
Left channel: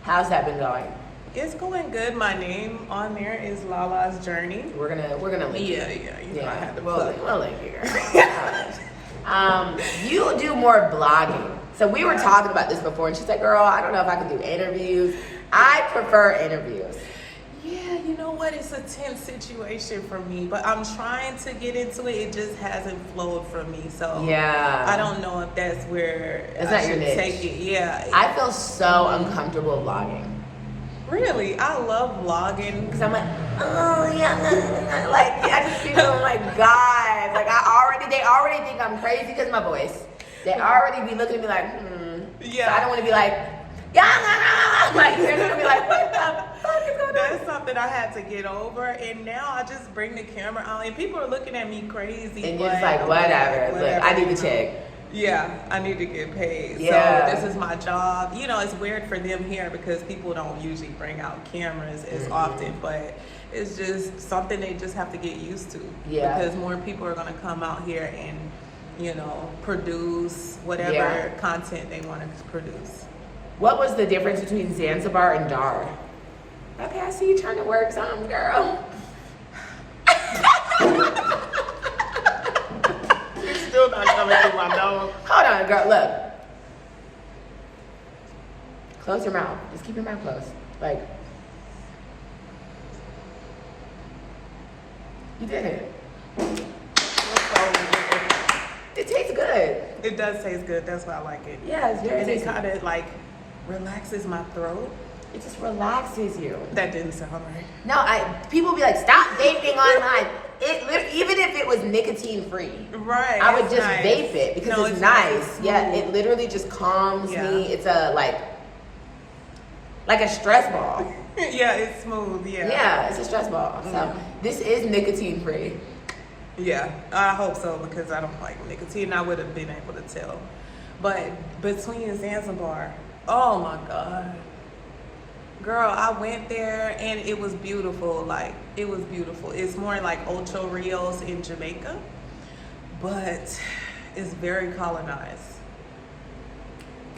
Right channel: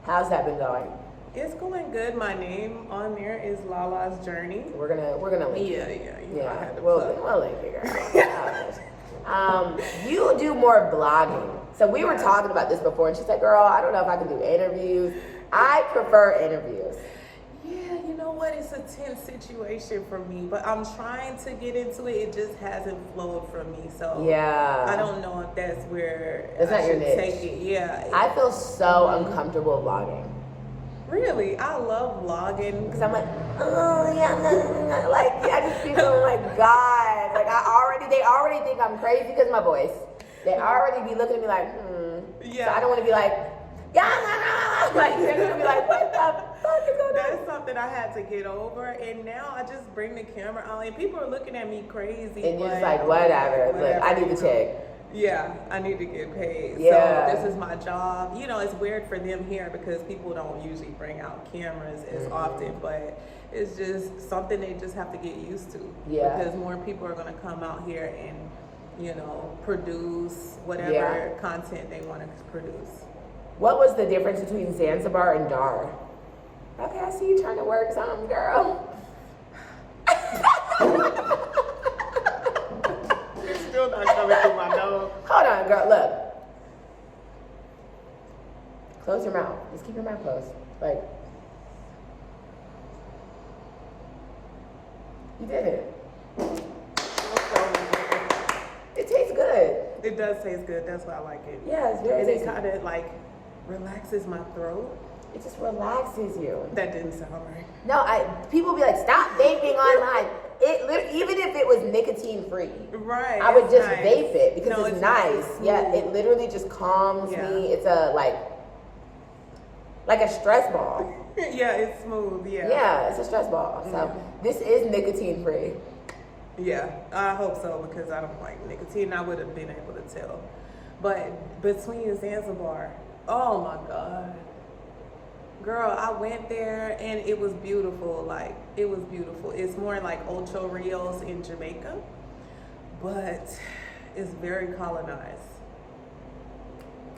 How's that been going? It's going good. My name on there is Lala's Journey. We're gonna link you. Yeah. We'll link you, girl. You do more blogging. So we were talking about this before, and she's like, "Girl, I don't know if I can do interviews. I prefer interviews." Yeah, you know what? It's a tense situation for me, but I'm trying to get into it. It just hasn't flowed for me, so I don't know if that's where I should take it. Yeah, I feel so uncomfortable vlogging. Really? I love vlogging. Because I'm like, oh, yeah, like, I just feel like, God, like, they already think I'm crazy because of my voice. They already be looking at me like, Yeah. So I don't want to be like, like, they're going to be like, what the fuck is going on? That's something I had to get over, and now I just bring the camera out, and people are looking at me crazy. And you're just like, whatever. Look, I need to check. Yeah, I need to get paid. Yeah. So this is my job. You know, it's weird for them here because people don't usually bring out cameras as often, but it's just something they just have to get used to. Yeah. Because more people are going to come out here and, you know, produce whatever content they want to produce. What was the difference between Zanzibar and Dar? Okay, I see you trying to work some, girl. Still not coming through my nose. Hold on, girl. Look. Close your mouth. Just keep your mouth closed. Like, you did it. It tastes good. It does taste good. That's why I like it. Yeah, it's very tasty. It kind of like relaxes my throat. It just relaxes you. That didn't sound right. No, people be like, stop vaping online. Even if it was nicotine free, right? I would just vape it because it's nice. Yeah, it literally just calms me. It's like a stress ball. Yeah, it's smooth. Yeah, it's a stress ball. So this is nicotine free. Yeah, I hope so because I don't like nicotine. I would have been able to tell. But between Zanzibar, oh my God. Girl, I went there and it was beautiful. Like, it was beautiful. It's more like Ocho Rios in Jamaica, but it's very colonized.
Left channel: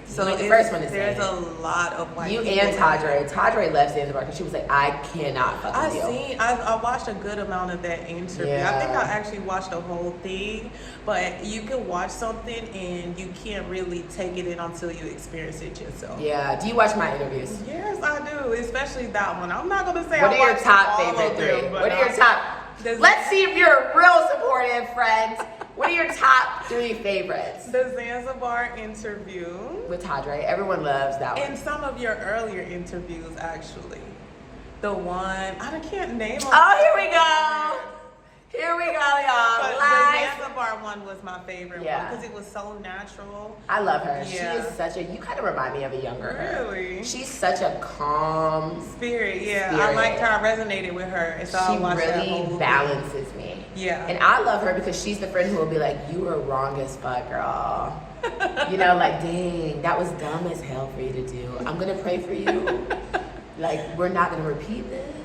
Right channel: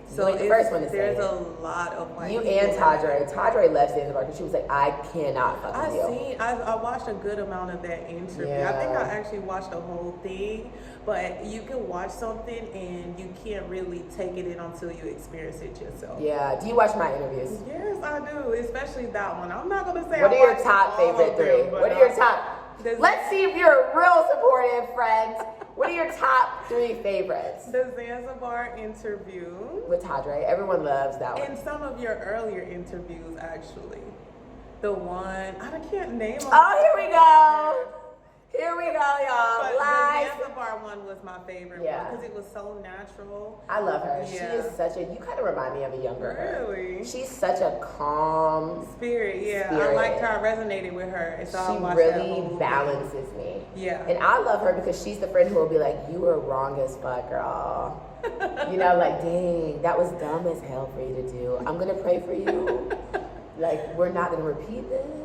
So the first one to say there's a lot of white you people. And Toddler left Zanzibar because she was like, I cannot fucking deal. I watched a good amount of that interview. Yeah. I think I actually watched the whole thing, but you can watch something and you can't really take it in until you experience it yourself. Yeah. Do you watch my interviews? Yes, I do, especially that one. I'm not gonna say what are your top favorite three? What are your top? Let's see if you're a real supportive friend. What are your top three favorites? The Zanzibar interview. With Toddler. Everyone loves that one. And some of your earlier interviews, actually. The one, I can't name them. Oh, here we go. Here we go, y'all. But Live. the Zanzibar one was my favorite one because it was so natural. I love her. Yeah. She is such a, you kind of remind me of a younger her. Really? She's such a calm spirit. I liked her. I resonated with her. And so she really balances me. Yeah. And I love her because she's the friend who will be like, you were wrong as fuck, girl. You know, like, dang, that was dumb as hell for you to do. I'm going to pray for you. Like, we're not going to repeat this.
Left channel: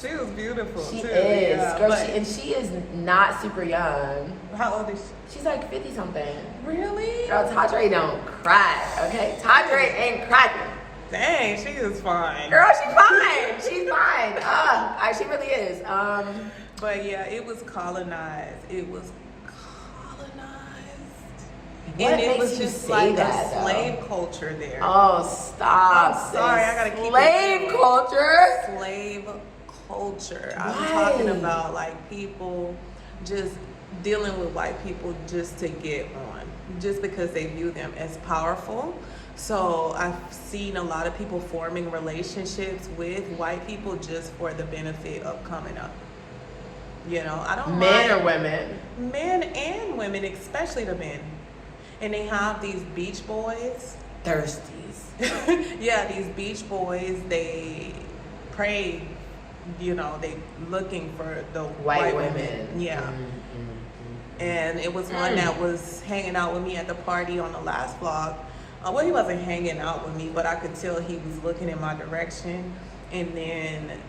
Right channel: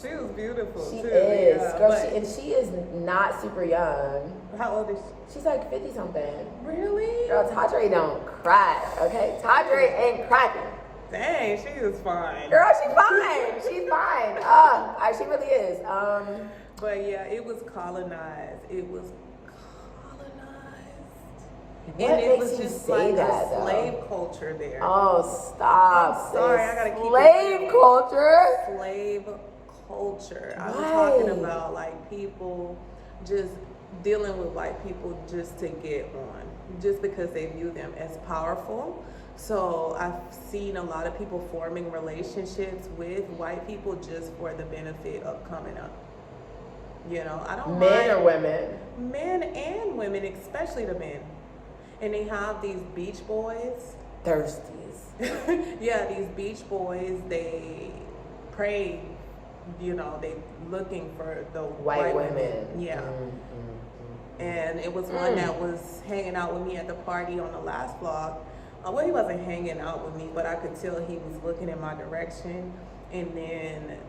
She was beautiful. She too. is. Yeah, girl, she is not super young. How old is she? She's like 50 something. Really? Girl, Toddler don't crack, okay? Toddler ain't cracking. Dang, she is fine. Girl, she's fine. She's fine. She really is. But yeah, it was colonized. It was What and it makes was you just say like that, a though? slave culture there. Oh, stop. I'm sorry, sis. I gotta keep it slave real. culture? Slave culture. I'm Why? talking about like people just dealing with white people just to get on, just because they view them as powerful. So I've seen a lot of people forming relationships with white people just for the benefit of coming up. You know, I don't Men mind or women? men and women, especially the men. And they have these beach boys. Thirsties. Yeah, these beach boys, they pray, you know, they looking for the white women. Yeah. And it was one that was hanging out with me at the party on the last vlog. Well, he wasn't hanging out with me, but I could tell he was looking in my direction. And then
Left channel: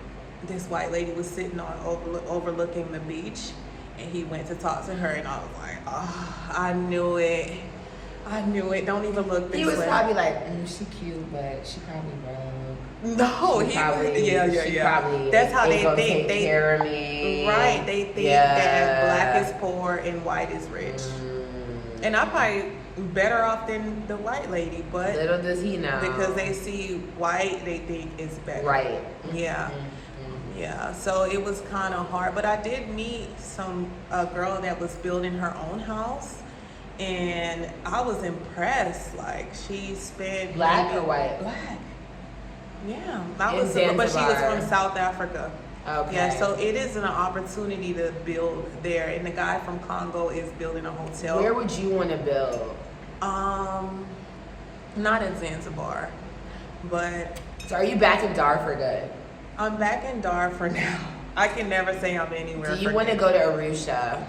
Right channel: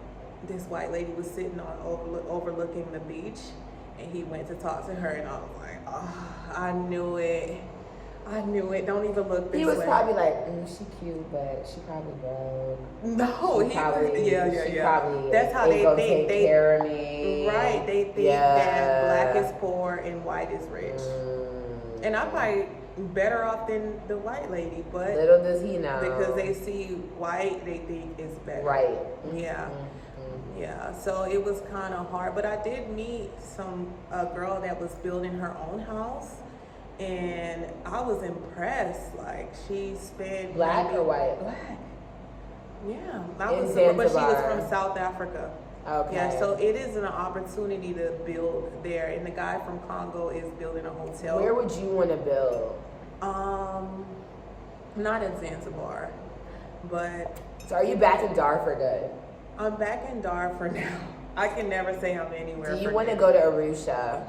this white lady was sitting on overlooking the beach, and he went to talk to her, and I was like, oh, I knew it. Don't even look this way. He was probably like, she cute, but she probably broke. No, She probably That's how ain't they gonna think. take care of me. Right. They think that black is poor and white is rich. And I'm probably better off than the white lady, but little does he know. because they see white, they think it's better. Right. Yeah. Yeah. So it was kind of hard, but I did meet a girl that was building her own house. And I was impressed. Like, she spent Black or white? Black. Yeah, In but she was Zanzibar. from South Africa. Okay. Yeah, so it is an opportunity to build there. And the guy from Congo is building a hotel. Where would you want to build? Not in Zanzibar, but So are you back in Dar for good? I'm back in Dar for now. I can never say I'm anywhere. Do you for want to good. go to Arusha?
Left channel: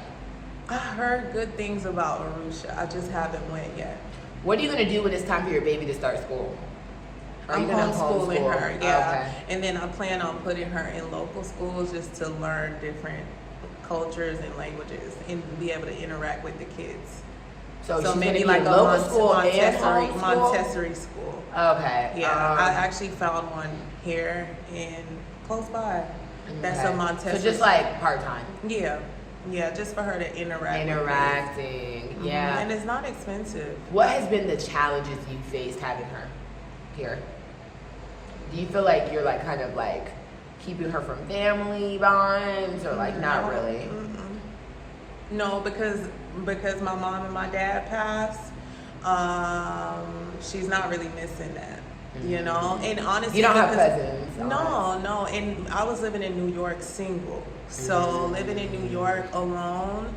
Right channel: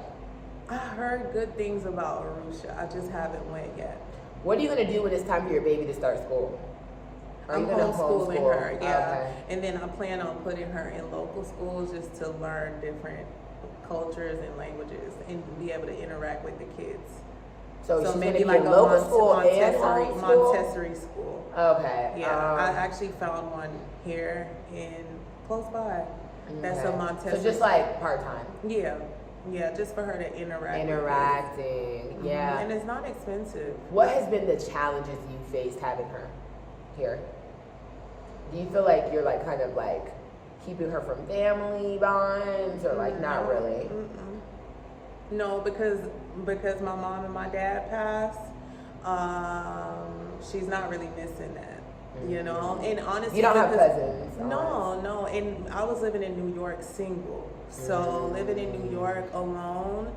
I heard good things about Arusha. I just haven't went yet. What are you going to do when it's time for your baby to start school? Are I'm you gonna homeschooling homeschool? her, yeah. Okay. And then I plan on putting her in local schools just to learn different cultures and languages and be able to interact with the kids. So she's maybe going to be in local school and homeschool? Montessori school. Okay. Yeah, I actually found one here in close by. That's a Montessori. So just like part-time? Yeah, just for her to interact. Interacting, yeah. And it's not expensive. What has been the challenges you faced having her here? Do you feel like you're like kind of like keeping her from family bonds or like not really? No, because my mom and my dad passed, she's not really missing that, you know? And honestly, you don't have cousins? No. And I was living in New York single. So living in New York alone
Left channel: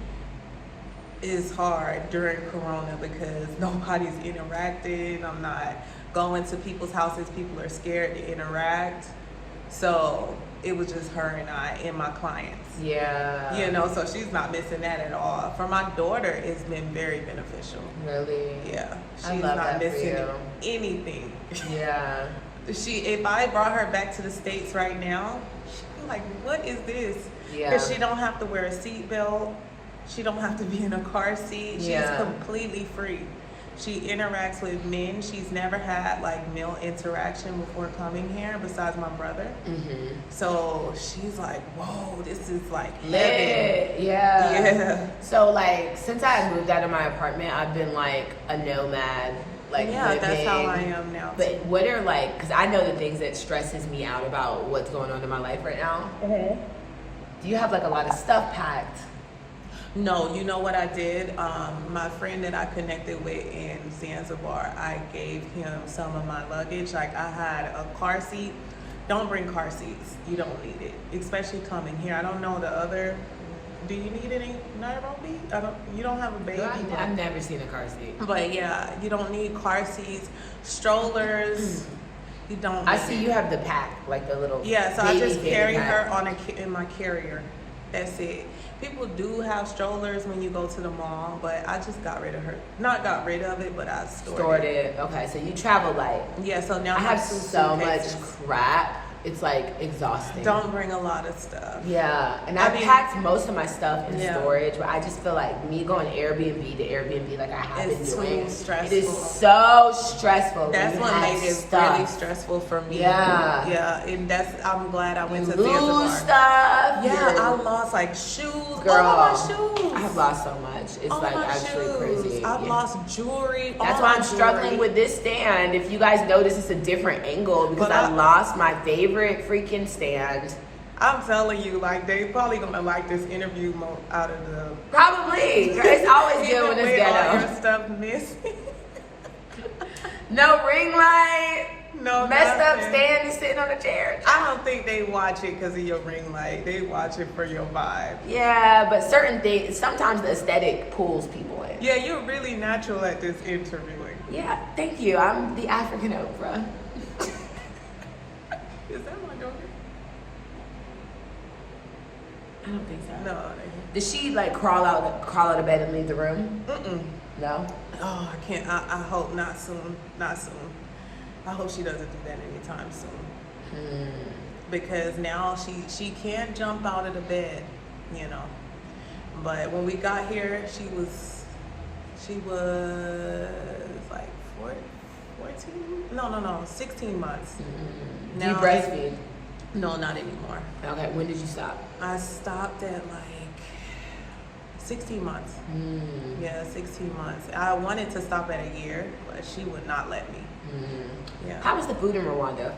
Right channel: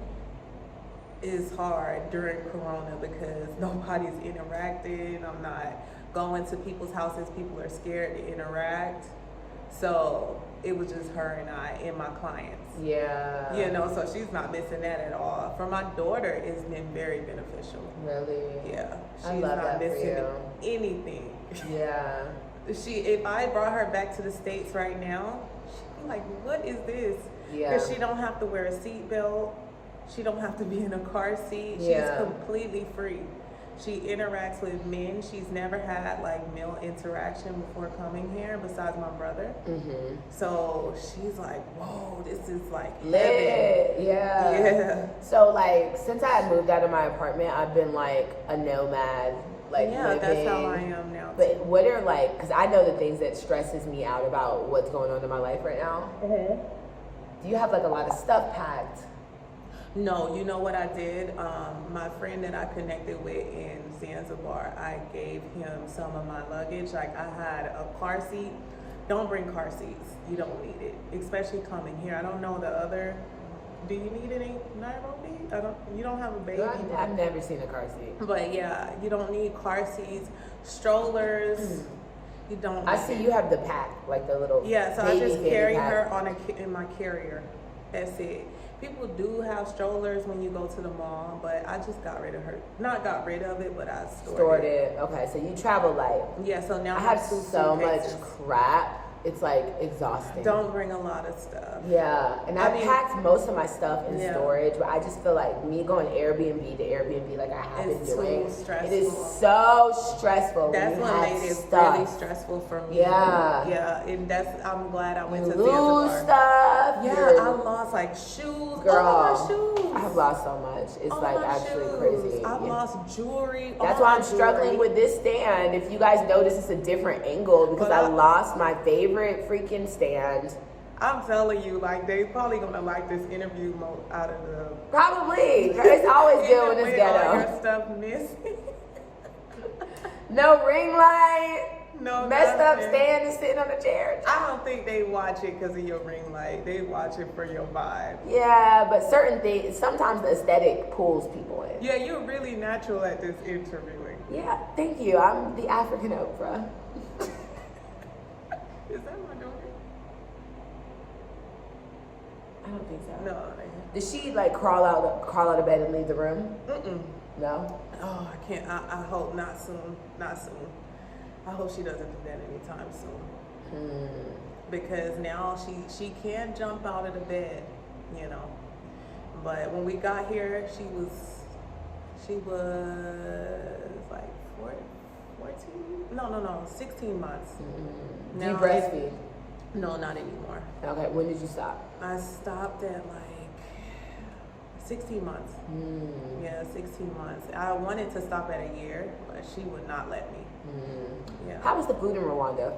is hard during Corona because nobody's interacting. I'm not going to people's houses. People are scared to interact. So it was just her and I and my clients. Yeah. You know, so she's not missing that at all. For my daughter, it's been very beneficial. Really? Yeah. She's I love not that for missing you. anything. Yeah. If I brought her back to the States right now, she'd be like, what is this? Yeah. Because she don't have to wear a seatbelt. She don't have to be in a car seat. She's completely free. She interacts with men. She's never had like male interaction before coming here besides my brother. So she's like, whoa, this is like lit. Yeah. Yeah. So like since I moved out of my apartment, I've been like a nomad. Like living. That's how I am now. But what are like, because I know the things that stresses me out about what's going on in my life right now. Do you have like a lot of stuff packed? No, you know what I did? My friend that I connected with in Zanzibar, I gave him some of my luggage. Like I had a car seat. Don't bring car seats. You don't need it, especially coming here. I don't know the other. Do you need any Nairobi? You don't have a baby. I've never seen a car seat. But yeah, you don't need car seats, strollers. You don't. I see you have the pack, like the little. Yeah, so baby I just carry pack. her in my carrier. That's it. People do have strollers when you go to the mall, but I just got rid of her. Not got rid of it, but I stored it. Okay, so you travel light. Yeah, so now I have so much crap it's like exhausting. Don't bring a lot of stuff. Yeah, and I packed most of my stuff in storage, but I just feel like me going Airbnb to Airbnb like I have been doing. It's too stressful. It is so stressful. That's what made it really stressful for me. Yeah, and I'm glad I went to lose Zanzibar. Stuff. Yeah, I lost like shoes. Girl, all my shoes. I've lost so much. It's like actually crazy. I've lost jewelry. That's why I'm struggling with this stand. If you guys notice, it's a different angle because I lost my favorite freaking stand. I'm telling you, like, they probably gonna like this interview out of the. Probably. It's always good when it's ghetto. All your stuff missing. No ring light. No, messed nothing. Up stand and sitting on a chair. I don't think they watch it because of your ring light. They watch it for your vibe. Yeah, but certain things, sometimes the aesthetic pulls people in. Yeah, you're really natural at this interviewing. Yeah, thank you. I'm the African Oprah. Is that my daughter? I don't think so. No. Did she like crawl out of bed and leave the room? No. Oh, I can't. I hope not soon. Not soon. I hope she doesn't do that anytime soon. Because now she can't jump out of the bed, you know. But when we got here, she was like 14? No, 16 months. Do you breastfeed? No, not anymore. Okay, when did you stop? I stopped at like 16 months. Yeah, 16 months. I wanted to stop at a year, but she would not let me. Yeah. How was the food in Rwanda?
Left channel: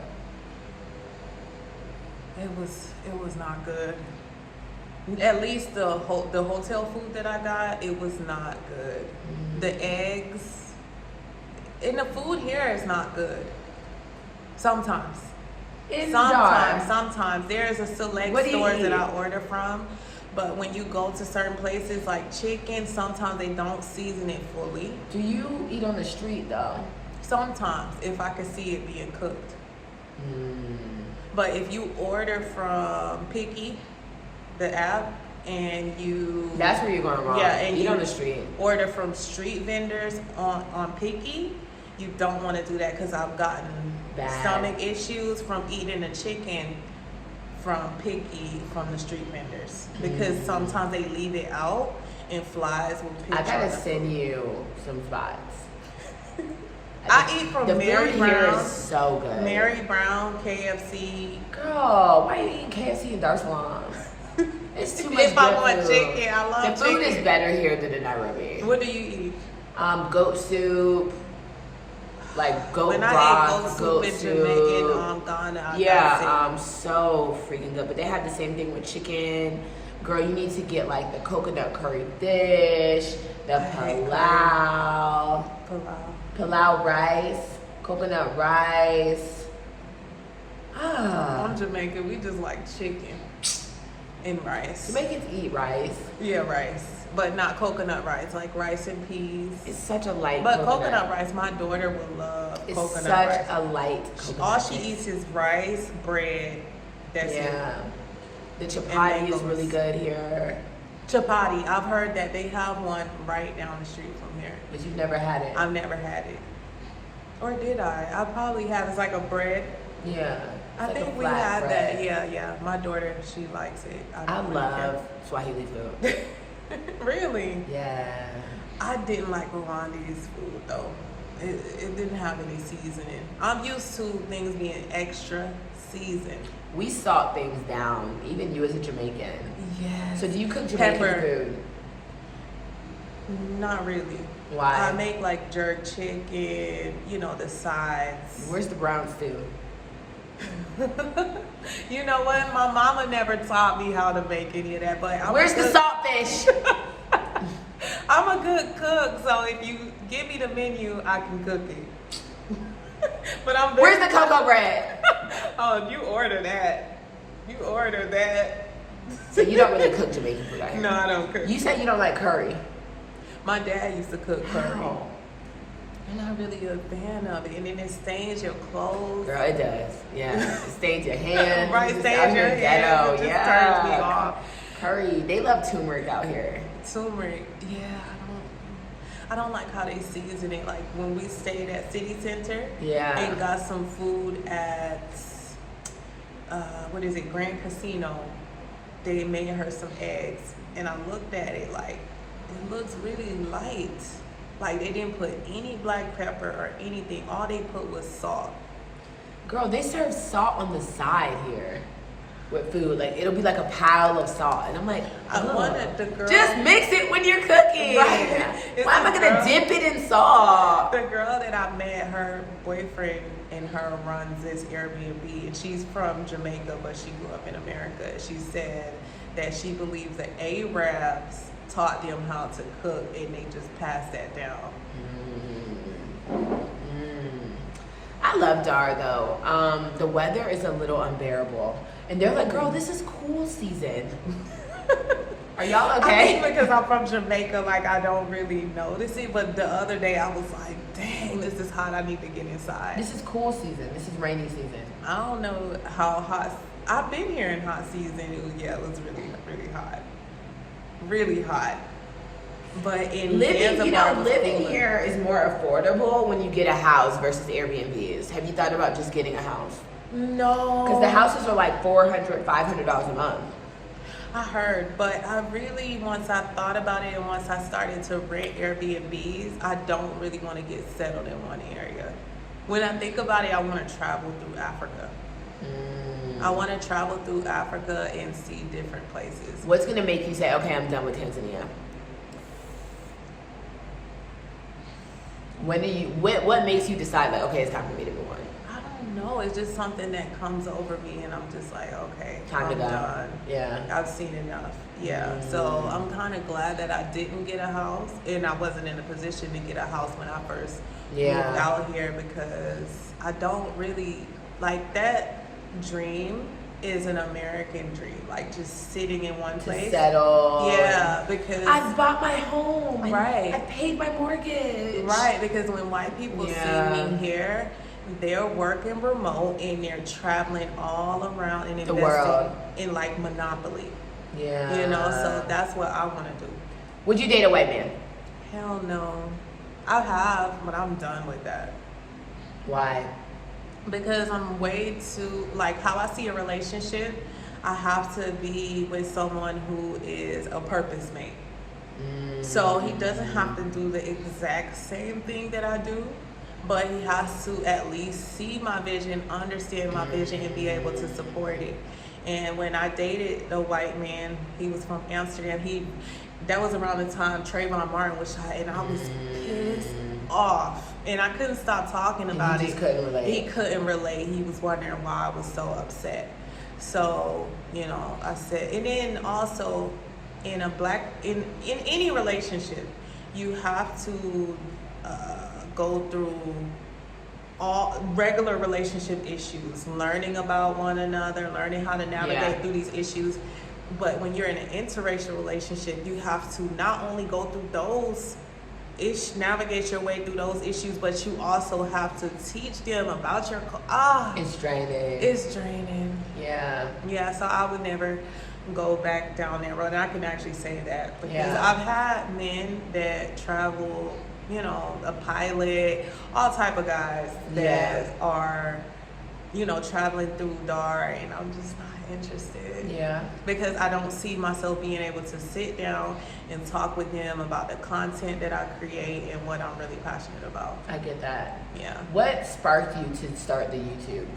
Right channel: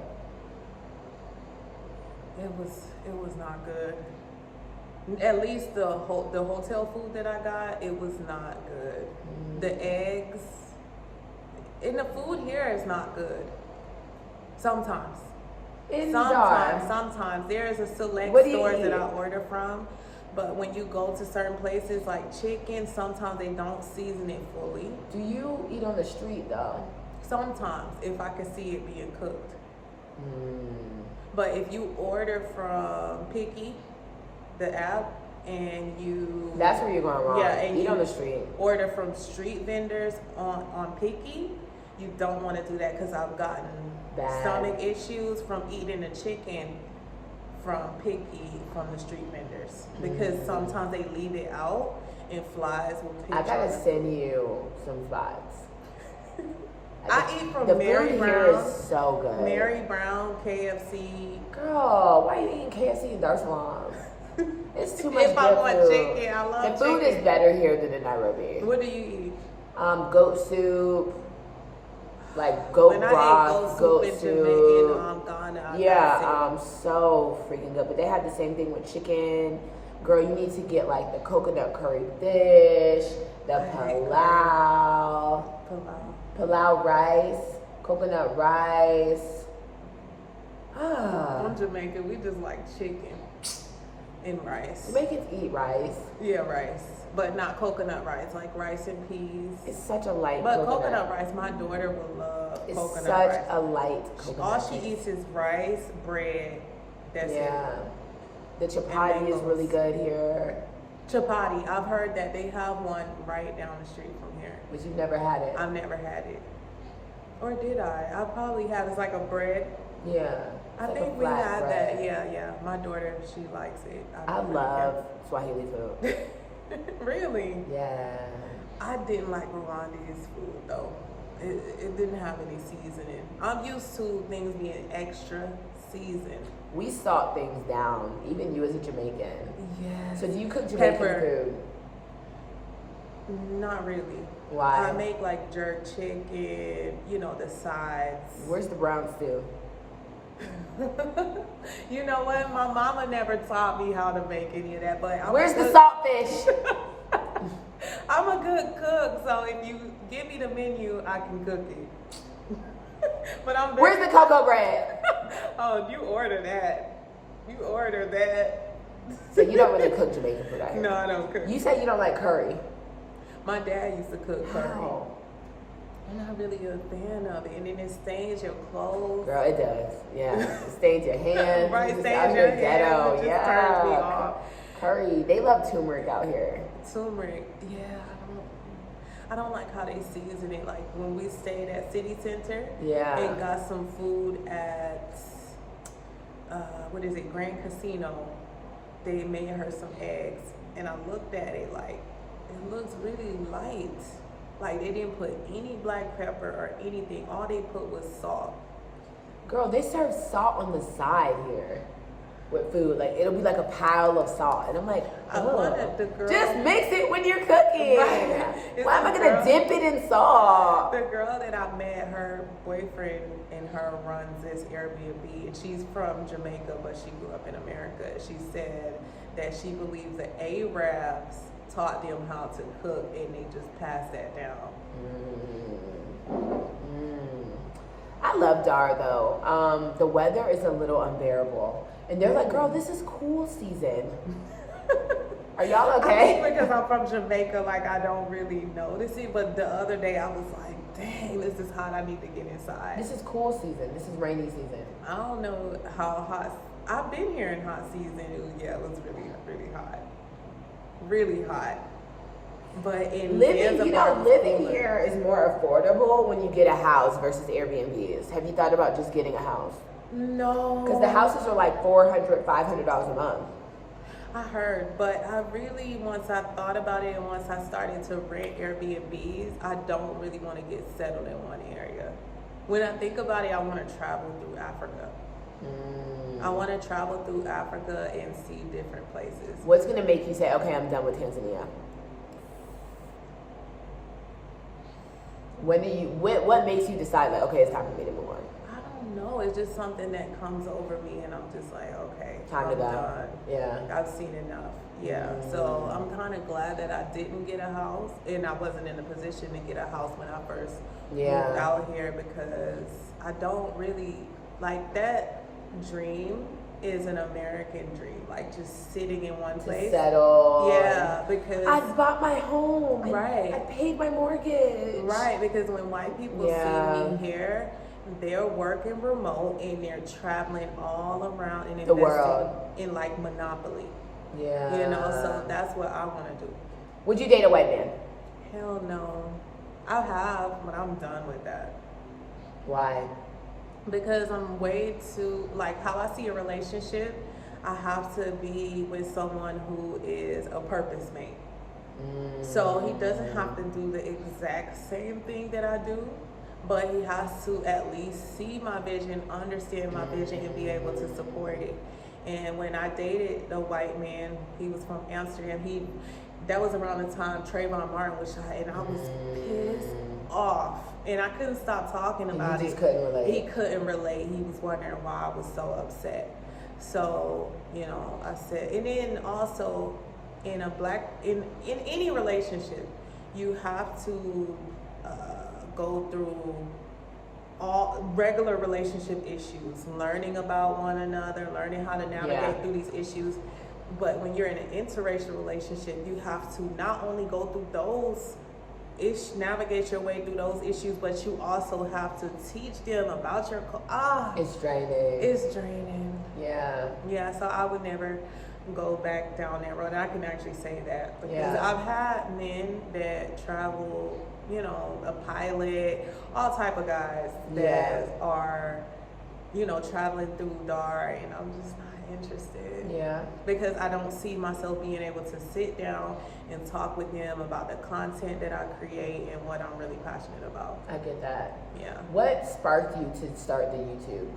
It was not good. At least the hotel food that I got, it was not good. The eggs and the food here is not good. Sometimes. Sometimes there's a select store that I order from, but when you go to certain places like chicken, sometimes they don't season it fully. Do you eat on the street though? Sometimes, if I can see it being cooked. But if you order from Picky, the app, and you... That's where you're going wrong. Yeah, and eat on the street. Order from street vendors on Picky, you don't want to do that because I've gotten stomach issues from eating the chicken from Picky from the street vendors. Because sometimes they leave it out and flies will pick. I gotta send you some spots. I eat from the Mary food Brown. Here is so good. Mary Brown, KFC. Girl, why are you eating KFC in Dar es Salaam? It's too much If I want chicken, I love chicken. The food is better here than in Nairobi. What do you eat? Goat soup, like goat broth, goat soup. In Ghana. Yeah, so freaking good. But they have the same thing with chicken. Girl, you need to get like the coconut curry fish, the pilau rice, coconut rice. I'm Jamaican. We just like chicken and rice. Jamaicans eat rice. Yeah, rice, but not coconut rice. Like rice and peas. It's such a light. But coconut rice, my daughter will love. It's coconut such rice. a light coconut. All she eats is rice, bread. That's it. The chapati is really good here. Chapati, I've heard that they have one right down the street from here. But you've never had it. I've never had it. Or did I? I probably have. It's like a bread. Yeah. I think we had that. Yeah. My daughter, she likes it. I love Swahili food. Really? Yeah. I didn't like Rwanda's food though. It didn't have any seasoning. I'm used to things being extra seasoned. We salt things down, even you as a Jamaican. Yeah. So do you cook Jamaican food? Not really. Why? I make like jerk chicken, the sides. Where's the brown stew? You know what? My mama never taught me how to make any of that, but where's the saltfish? I'm a good cook, so if you give me the menu, I can cook it. But where's the cocoa bread? Oh, you order that. So you don't really cook Jamaican food out here? No, I don't cook. You said you don't like curry. My dad used to cook curry. Wow. I'm not really a fan of it, and then it stains your clothes. Girl, it does. Yeah, it stains your hands. Right, stains stains your hands. Ghetto. It just turns me off. Curry. They love turmeric out here. Turmeric. Yeah, I don't like how they season it. Like when we stayed at City Center. Yeah. And got some food at Grand Casino. They made her some eggs, and I looked at it like, it looks really light. Like they didn't put any black pepper or anything. All they put was salt. Girl, they serve salt on the side here with food. Like it'll be like a pile of salt, and I'm like, I wanted the girl. Just mix it when you're cooking. Right. Why am I gonna dip it in salt? The girl that I met, her boyfriend and her runs this Airbnb, and she's from Jamaica, but she grew up in America. She said that she believes the Arabs taught them how to cook, and they just passed that down. I love Dar though. The weather is a little unbearable, and they're like, "Girl, this is cool season." Are y'all okay? I mean, because I'm from Jamaica, like I don't really notice it. But the other day I was like, "Dang, this is hot. I need to get inside." This is cool season. This is rainy season. I don't know how hot. I've been here in hot season. It was really, really hot. Really hot. But in living here is more affordable when you get a house versus Airbnbs. Have you thought about just getting a house? No. Because the houses are like $400, $500 a month. I heard, but I really, once I thought about it and once I started to rent Airbnbs, I don't really want to get settled in one area. When I think about it, I want to travel through Africa. I want to travel through Africa and see different places. What's going to make you say, okay, I'm done with Tanzania? What makes you decide, like, okay, it's time for me to move on? I don't know. It's just something that comes over me, and I'm just like, okay, time to go. Done. Yeah. I've seen enough. Yeah. So I'm kind of glad that I didn't get a house, and I wasn't in a position to get a house when I first moved out here, because I don't really like that dream. Is an American dream, like just sitting in one place. To settle. Yeah, because I bought my home. Right. I paid my mortgage. Right, because when white people see me here, they're working remote and they're traveling all around and investing the world in like Monopoly. Yeah. You know, so that's what I want to do. Would you date a white man? Hell no. I have, but I'm done with that. Why? Because I'm way too, like how I see a relationship, I have to be with someone who is a purpose mate. So he doesn't have to do the exact same thing that I do, but he has to at least see my vision, understand my vision, and be able to support it. And when I dated the white man, he was from Amsterdam. That was around the time Trayvon Martin was shot, and I was pissed off. And I couldn't stop talking about it. He just couldn't relate. He couldn't relate. He was wondering why I was so upset. So, you know, I said, and then also in any relationship, you have to go through all regular relationship issues, learning about one another, learning how to navigate through these issues. But when you're in an interracial relationship, you have to not only go through those navigate your way through those issues, but you also have to teach them about your it's draining. It's draining. Yeah. So I would never go back down that road, and I can actually say that because I've had men that travel, you know, a pilot, all type of guys that are, you know, traveling through Dar, and I'm just not interested. Yeah. Because I don't see myself being able to sit down and talk with them about the content that I create and what I'm really passionate about. I get that. Yeah. What sparked you to start the YouTube?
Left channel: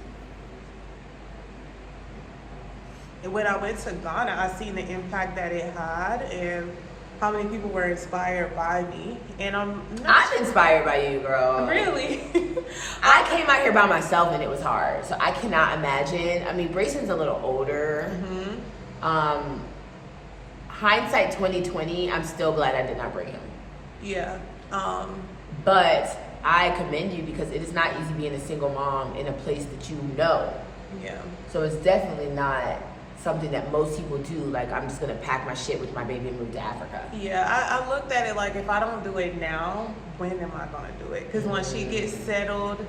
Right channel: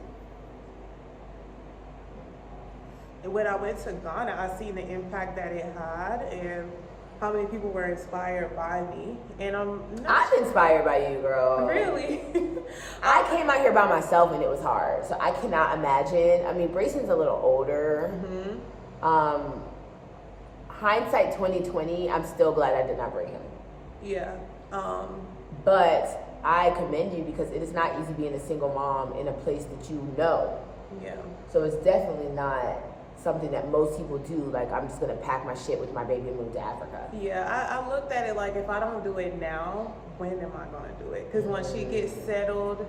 When I went to Ghana, I seen the impact that it had and how many people were inspired by me. And I'm inspired by you, girl. Really? I came out here by myself and it was hard. So I cannot imagine. I mean, Brayson's a little older. Hindsight 2020, I'm still glad I did not bring him. Yeah. But I commend you because it is not easy being a single mom in a place that you know. Yeah. So it's definitely not something that most people do. Like, I'm just gonna pack my shit with my baby and move to Africa. Yeah, I looked at it like, if I don't do it now, when am I gonna do it? Because once she gets settled,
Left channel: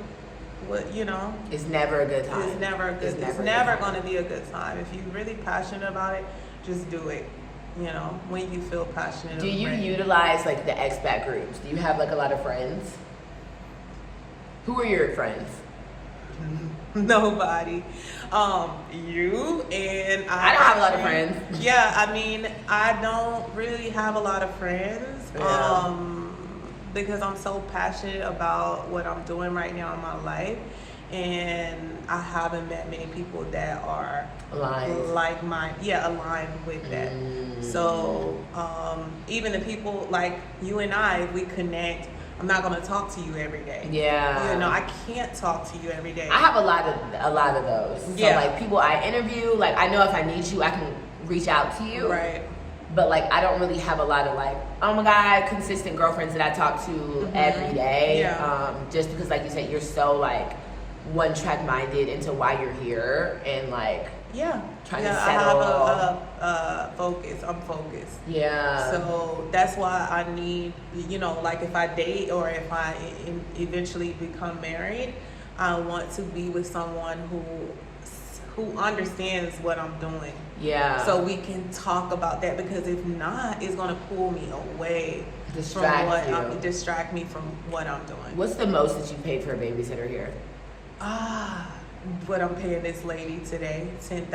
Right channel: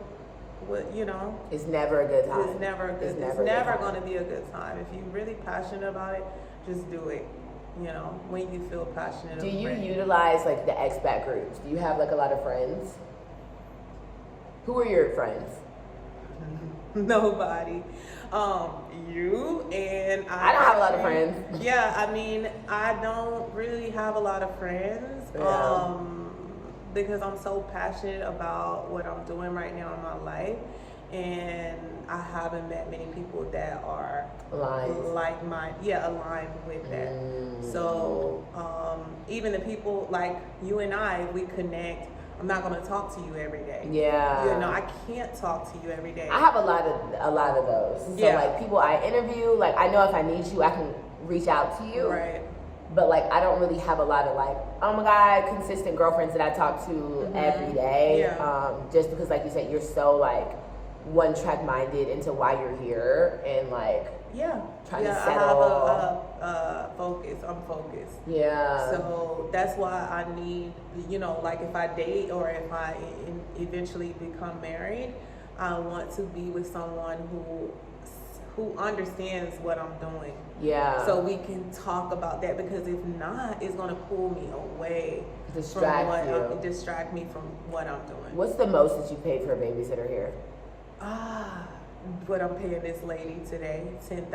you know, it's never a good time. It's never gonna be a good time. If you're really passionate about it, just do it. You know, when you feel passionate. Do you utilize like the expat groups? Do you have like a lot of friends? Who are your friends? Nobody. You and I don't have a lot of friends. Yeah, I mean, I don't really have a lot of friends. Yeah. Because I'm so passionate about what I'm doing right now in my life, and I haven't met many people that are aligned with that. So even the people like you and I, we connect. I'm not gonna talk to you every day. Yeah. You know, I can't talk to you every day. I have a lot of those. So like people I interview, like I know if I need you, I can reach out to you. Right. But like I don't really have a lot of like, oh my God, consistent girlfriends that I talk to every day. Yeah. Just because like you said, you're so like one track minded into why you're here and like trying to settle. I have a focus. I'm focused. Yeah. So that's why I need, you know, like if I date or if I eventually become married, I want to be with someone who understands what I'm doing. Yeah. So we can talk about that, because if not, it's gonna pull me away. Distract me from what I'm doing. What's the most that you paid for a babysitter here? What I'm paying this lady today, $10,000.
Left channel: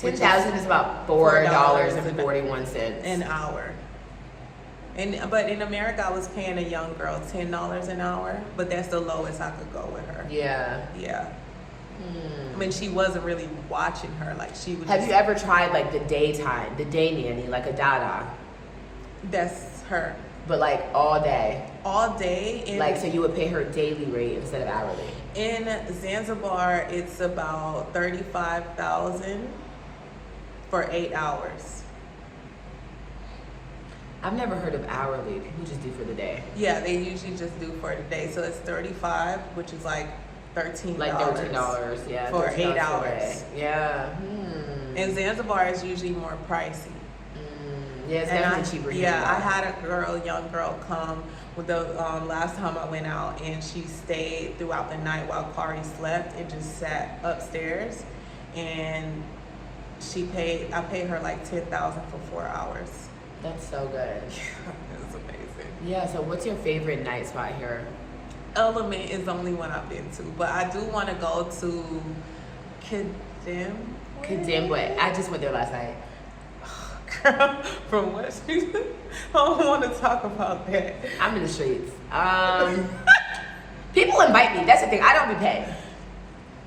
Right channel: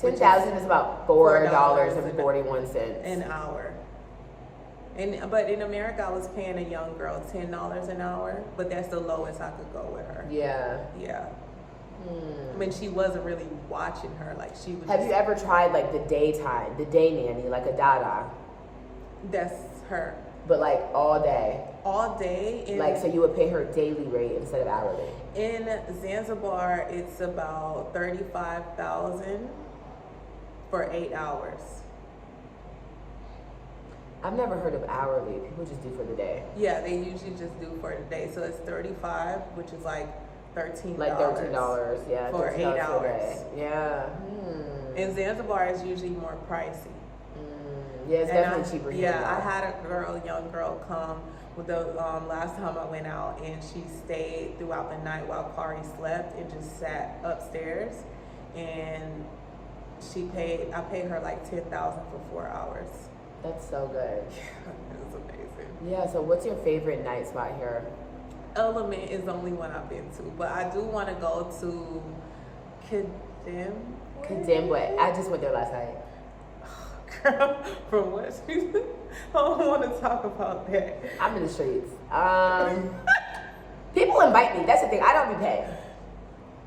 $10,000 is about $4.41 an hour. But in America, I was paying a young girl $10 an hour, but that's the lowest I could go with her. Yeah. Yeah. I mean, she wasn't really watching her. Like she would. Have you ever tried like the day nanny, like a Dada? That's her. But like all day. All day. Like so, you would pay her daily rate instead of hourly. In Zanzibar, it's about 35,000 for 8 hours. I've never heard of hourly. People just do for the day. Yeah, they usually just do for the day. So it's 35, which is like $13. Like $13, yeah. For $13 8 hours. Yeah. And Zanzibar is usually more pricey. Yeah, it's definitely cheaper here. Yeah, I had a young girl come with the last time I went out, and she stayed throughout the night while Kari slept and just sat upstairs. And I paid her like $10,000 for 4 hours. That's so good. It was amazing. Yeah, so what's your favorite night spot here? Element is the only one I've been to, but I do want to go to Kadembwe. I just went there last night. Girl, from what she I don't want to talk about that. I'm in the streets. People invite me. That's the thing. I don't be paid.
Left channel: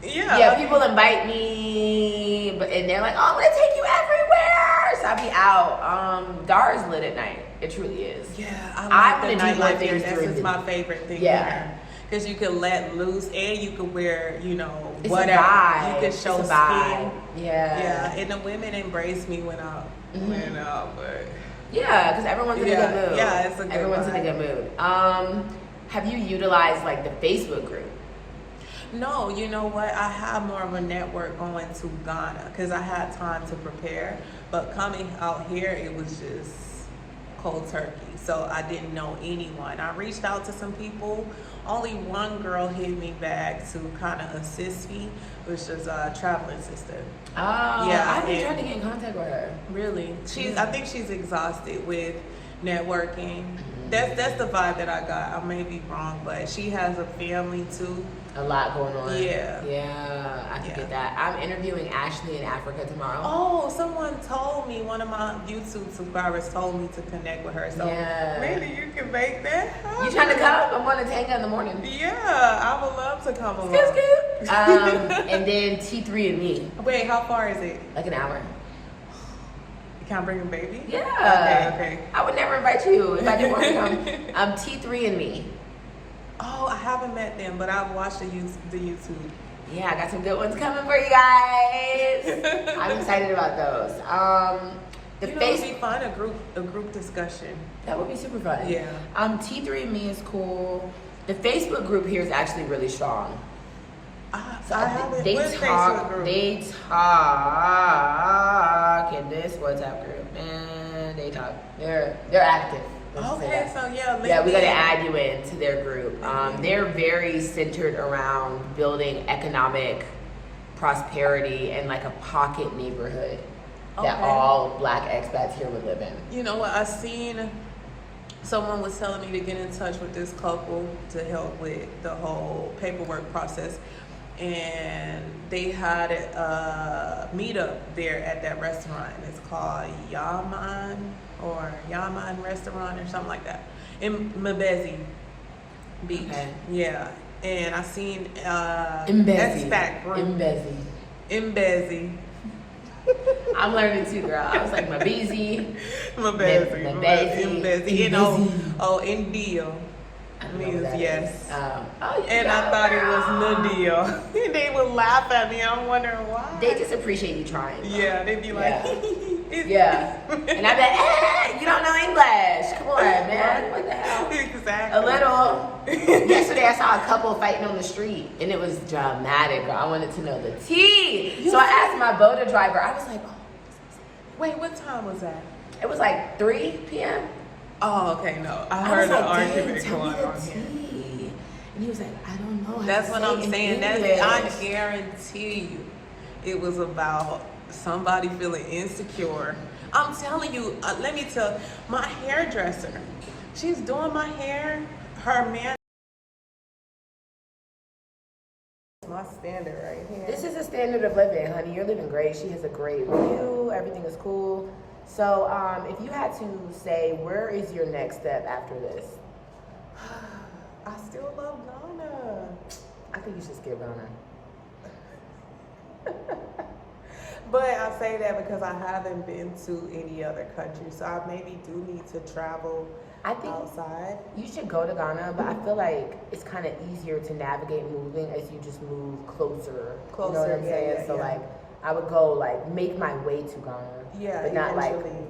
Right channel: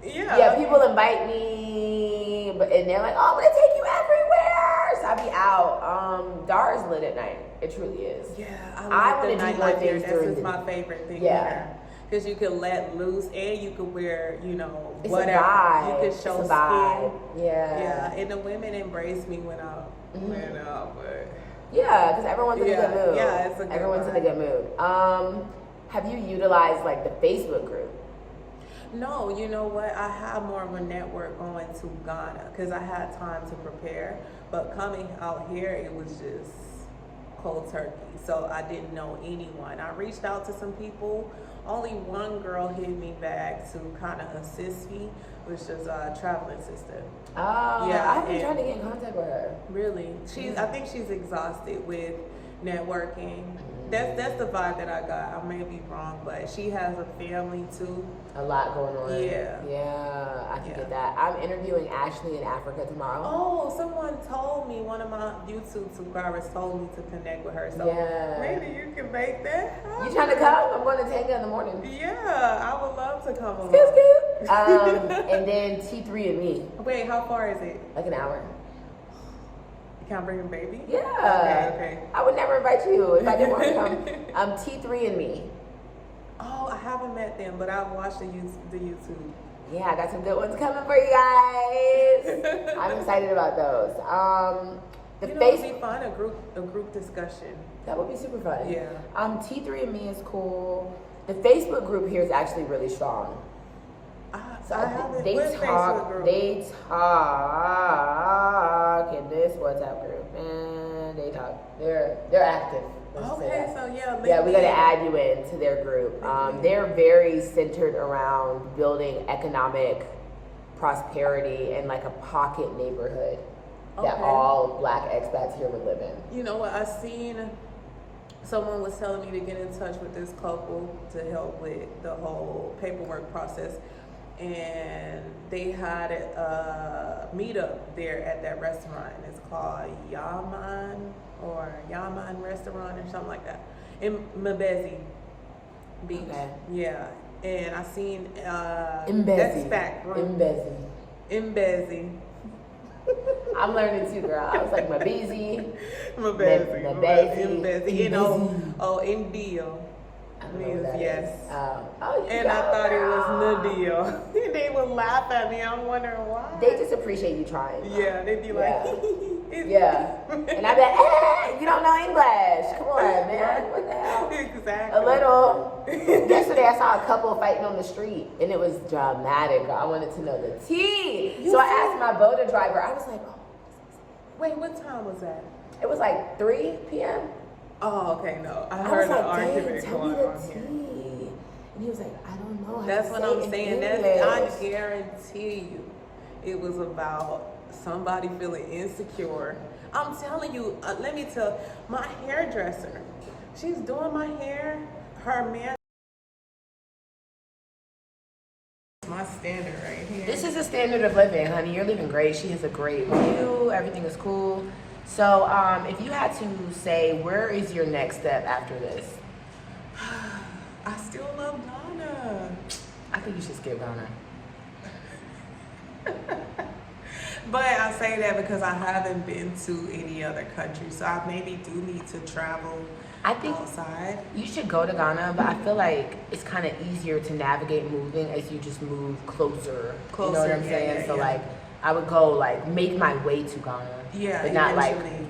Yeah, people invite me, and they're like, "Oh, I'm gonna take you everywhere." So I be out. Dar is lit at night. It truly is. Yeah, I want to do more things. That's just my favorite thing. Yeah, because you can let loose and you can wear, you know, it's whatever. A vibe. You can show it's a skin. vibe. Yeah, and the women embrace me when I went out, but yeah, because everyone's in a good mood. Yeah, it's a good everyone's vibe. in a good mood. Have you utilized like the Facebook group? No, you know what? I have more of a network going to Ghana because I had time to prepare. But coming out here, it was just cold turkey. So I didn't know anyone. I reached out to some people. Only one girl hit me back to kind of assist me, which is a traveling sister. Oh, yeah. I've been trying to get in contact with her. Really? I think she's exhausted with networking. That's the vibe that I got. I may be wrong, but she has a family too. A lot going on. Yeah. I can get that. I'm interviewing Ashley in Africa tomorrow. Oh, someone told me, one of my YouTube subscribers told me to connect with her. So maybe you can make that happen. You trying to come? I'm going to Tanga in the morning. Yeah, I would love to come along. Scoot. And then T3 and me. Wait, how far is it? Like an hour. Can I bring a baby? Yeah. Okay. I would never invite you if I didn't want to come. T3 and me. Oh, I haven't met them, but I've watched the YouTube. Yeah, I got some good ones coming for you guys. I'm excited about those. It would be fun, a group discussion. That would be super fun. Yeah. T3 and me is cool. The Facebook group here is actually really strong. They talk in this WhatsApp group, man. They talk. They're active. Okay, so yeah, we got to add you into their group. They're very centered around building economic prosperity and like a pocket neighborhood that all Black expats here would live in. You know what? I seen someone was telling me to get in touch with this couple to help with the whole paperwork process. And they had a meetup there at that restaurant. And it's called Yaman Restaurant or something like that in Mbezi Beach. Okay. Yeah. And I seen Mbezi. expat group. Mbezi. I'm learning too, girl. I was like Mbezi. Mbezi. India. Means yes. And I thought it was Nadia. They would laugh at me. I'm wondering why. They just appreciate you trying. Though. Yeah, they'd be like, yeah. And I'd be like, you don't know English. Come on, man. What the hell? Exactly. A little. Yesterday, I saw a couple fighting on the street, and it was dramatic, girl. I wanted to know the tea. So I asked my boater driver, I was like, oh. Wait, what time was that? It was like 3 p.m. Oh, okay, no. I heard the argument going on here. And he was like, I don't know how That's to what say I'm it in saying. English. I guarantee you it was about somebody feeling insecure. I'm telling you, let me tell my hairdresser, she's doing my hair. Her man, my standard right here. This is a standard of living, honey. You're living great. She has a great view. Everything is cool. So, if you had to say, where is your next step after this? I still love Ghana. I think you should skip Ghana. But I say that because I haven't been to any other country, so I maybe do need to travel outside. You should go to Ghana, but I feel like it's kind of easier to navigate moving as you just move closer. You know what I'm saying? So like, I would go like make my way to Ghana. Yeah, but not eventually.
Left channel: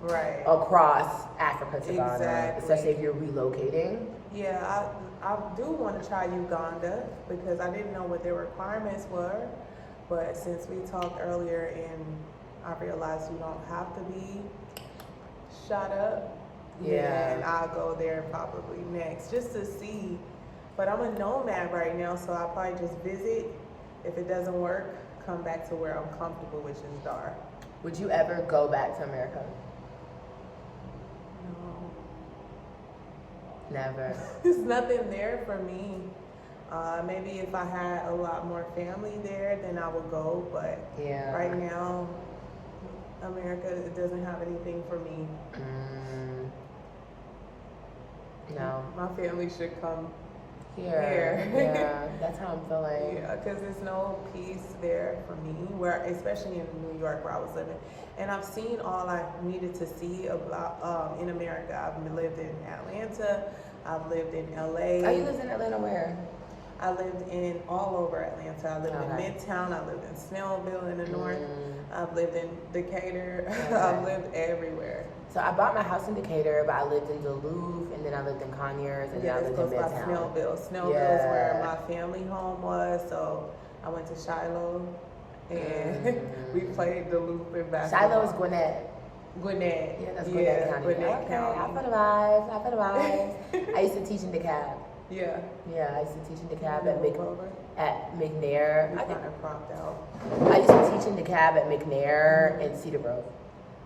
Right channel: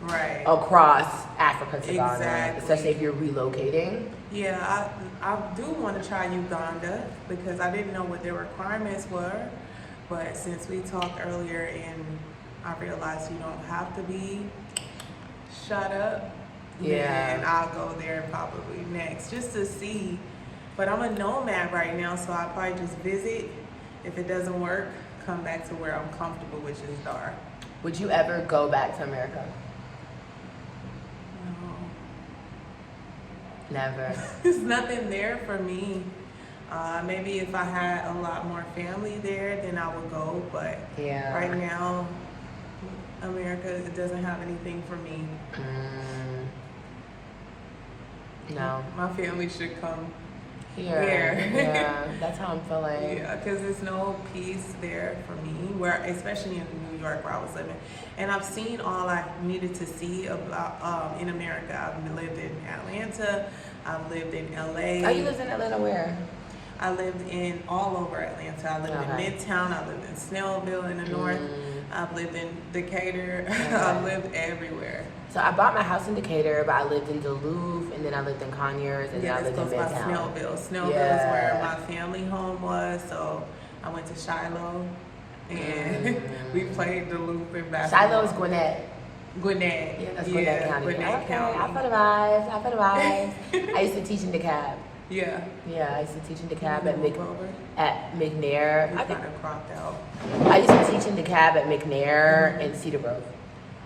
Right. Across Africa to Ghana, Exactly. especially if you're relocating. Yeah, I do want to try Uganda because I didn't know what their requirements were. But since we talked earlier and I realized you don't have to be shut up, then I'll go there probably next just to see. But I'm a nomad right now, so I'll probably just visit. If it doesn't work, come back to where I'm comfortable, which is Dar. Would you ever go back to America? No. Never. There's nothing there for me. Maybe if I had a lot more family there, then I would go. But right now, America, it doesn't have anything for me. No. My family should come here. Yeah, that's how I'm feeling. Yeah, because there's no peace there for me, especially in New York where I was living. And I've seen all I needed to see about in America. I've lived in Atlanta. I've lived in LA. Oh, you lived in Atlanta where? I lived in all over Atlanta. I lived in Midtown. I lived in Snellville in the north. I've lived in Decatur. I've lived everywhere. So I bought my house in Decatur, but I lived in Duluth, and then I lived in Conyers, and then I lived in Midtown. Snellville. Snellville is where my family home was. So I went to Shiloh, and we played Duluth in basketball. Shiloh's Gwinnett. Gwinnett. Yeah, that's Gwinnett County. Gwinnett County. I feel the vibes. I used to teach in DeKalb. Yeah, I used to teach in DeKalb at McNair. You kind of cropped out. I used to teach in DeKalb at McNair and Cedar Grove.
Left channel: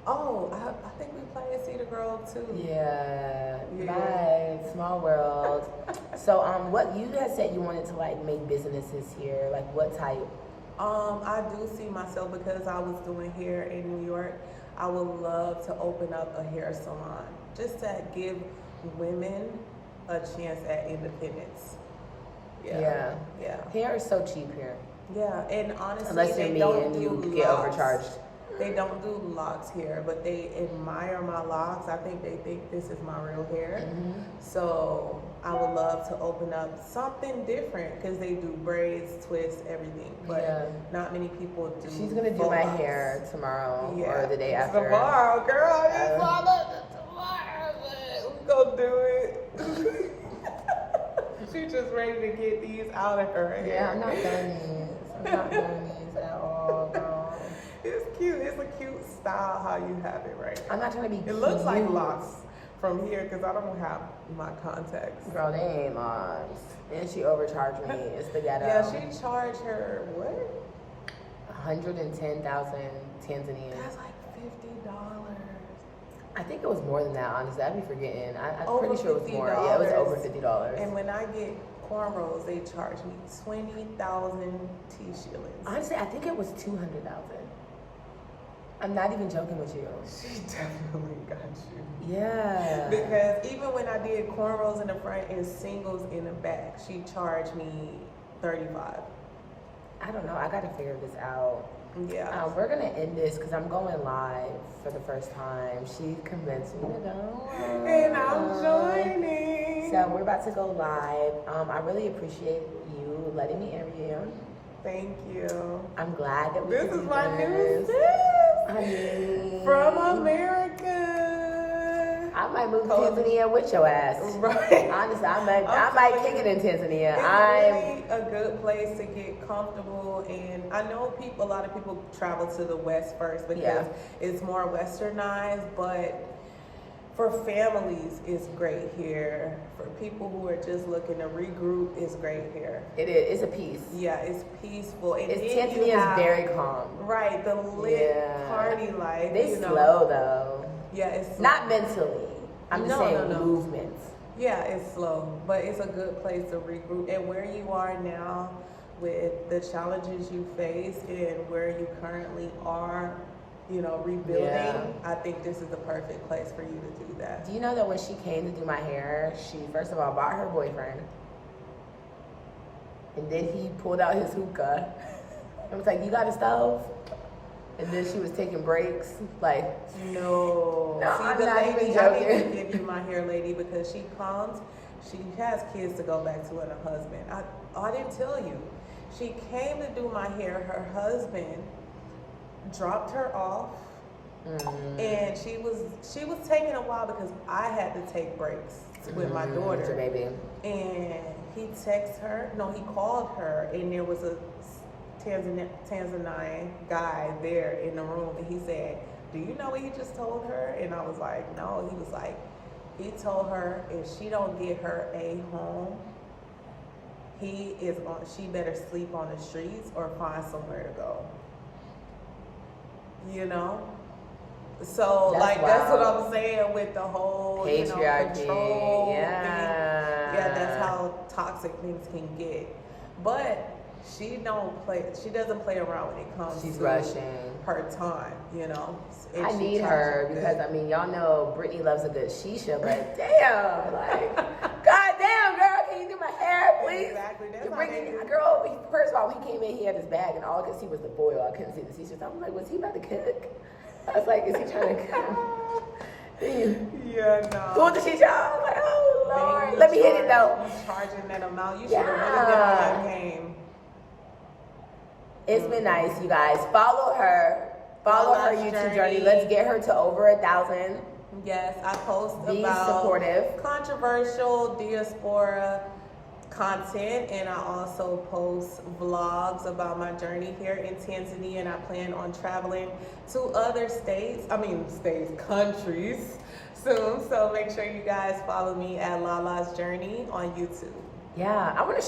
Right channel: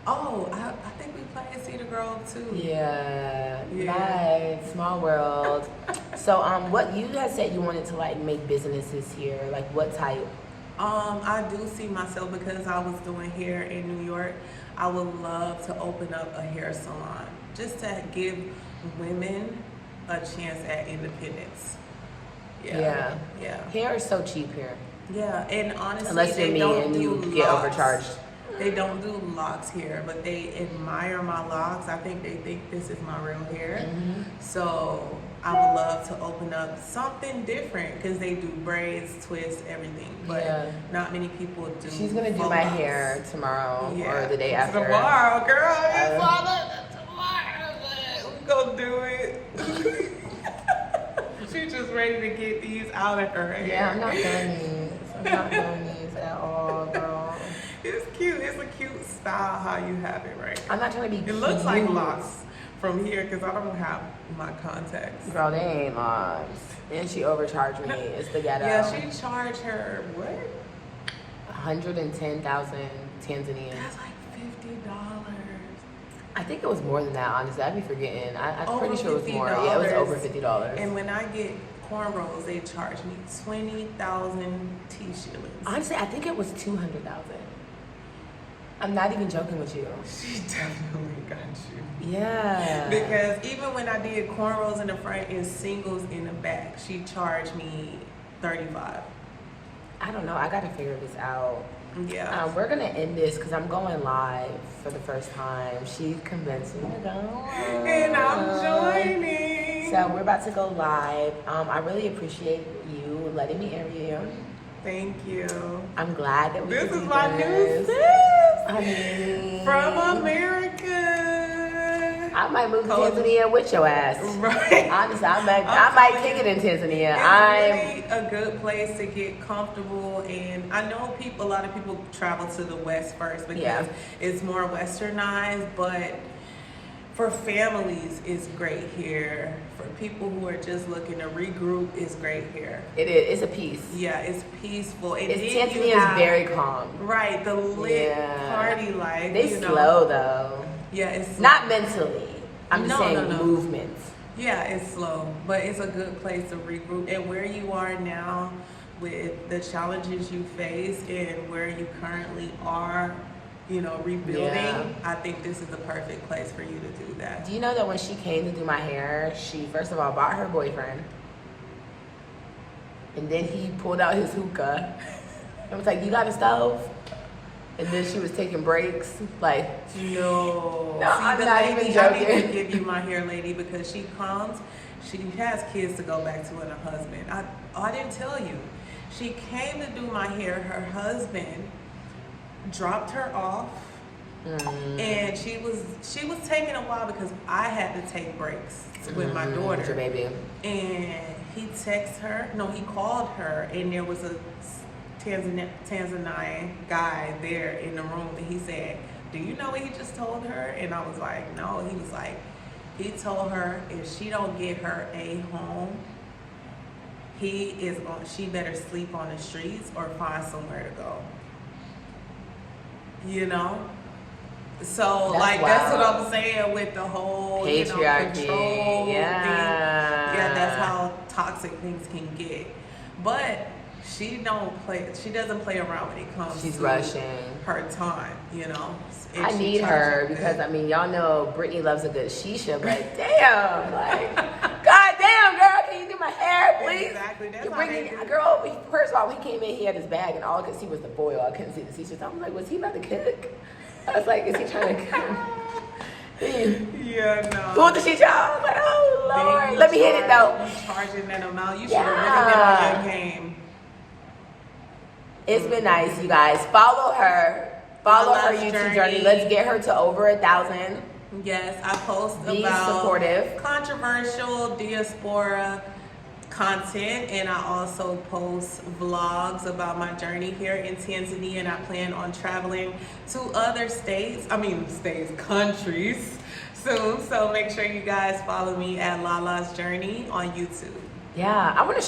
Oh, I think we played Cedar Grove too. Yeah. Nice. Small world. So, what you had said you wanted to like make businesses here, like what type? I do see myself because I was doing hair in New York. I would love to open up a hair salon just to give women a chance at independence. Yeah. Hair is so cheap here. Yeah, and honestly, unless they you're don't me and do you locks. get overcharged. They don't do locks here, but they admire my locks. I think they think this is my real hair. So I would love to open up something different because they do braids, twists, everything. But not many people do. She's gonna do my hair tomorrow or the day after. Tomorrow, girl. We gonna do it. She's just ready to get these out of her hair. Yeah, I'm not doing these. I'm not doing these at all, girl. It's cute. It's a cute style how you have it right now. I'm not trying to be cute. It looks like locks from here because I don't have my contacts. Girl, they ain't locks. And she overcharged me. It's the ghetto. Yeah, she charged her, what? 110,000 Tanzania. That's like $50. I think it was more than that, honestly. I'd be forgetting. I'm Over pretty sure it was more. $50. Yeah, it was over $50. And when I get cornrows, they charge me 20,000 T-shillings. Honestly, I think it was 200,000. I'm not even joking with you. She definitely got you. Yeah. Because even when I did cornrows in the front and singles in the back, she charged me 35. I don't know. I got to figure this out. Yeah. We're going to end this because I'm going live for the first time. She convinced me to go. And I'm joining. So we're about to go live. I really appreciate you letting me interview you. Thank you. I'm glad that we This could is do my this. new sis. I mean, From America. I might move to Tanzania with your ass. Right. Honestly, I might kick it in Tanzania. It's really a good place to get comfortable, and I know a lot of people travel to the West first because it's more westernized, but for families, it's great here. For people who are just looking to regroup, it's great here. It is. It's a peace. Yeah, it's peaceful. And Tanzania is very calm. Right, the lit party life. They slow though. Yeah, it's slow. Not mentally. I'm just saying movements. Yeah, it's slow, but it's a good place to regroup. And where you are now, with the challenges you face, and where you currently are, rebuilding, I think this is the perfect place for you to do that. Do you know that when she came to do my hair, she first of all bought her boyfriend, and then he pulled out his hookah and was like, "You got a stove?" And then she was taking breaks, like, no. See, I'm not even joking. I need to give you my hair lady because she comes, she has kids to go back to and a husband. I didn't tell you. She came to do my hair. Her husband dropped her off, and she was taking a while because I had to take breaks with my daughter. Your baby. And he called her, and there was a Tanzanian guy there in the room, and he said, "Do you know what he just told her?" And I was like, "No." He was like, he told her if she don't get her a home, she better sleep on the streets or find somewhere to go. So that's what I'm saying with the whole control thing. Yeah, that's how toxic things can get. But she doesn't play around when it comes to rushing her time, I need her because y'all know Brittany loves a good shisha, but damn, god damn, girl, can you do my hair, please? Exactly, that's how Brittany, girl, first of all, when he came in, he had his bag, and all I could see was the foil. I couldn't see the shisha. So I was like, was he about to cook? I was like, is he trying to cook? Yeah, no. Pull the shisha. I was like, oh Lord, let me hit it though. You charging that amount? You should have really been on your game. It's been nice, you guys. Follow her. Follow her YouTube journey. Let's get her to over 1,000. Yes, I post Be about supportive. Controversial diaspora content, and I also post vlogs about my journey here in Tanzania, and I plan on traveling to other countries soon. So make sure you guys follow me at Lala's Journey on YouTube. Yeah, I want to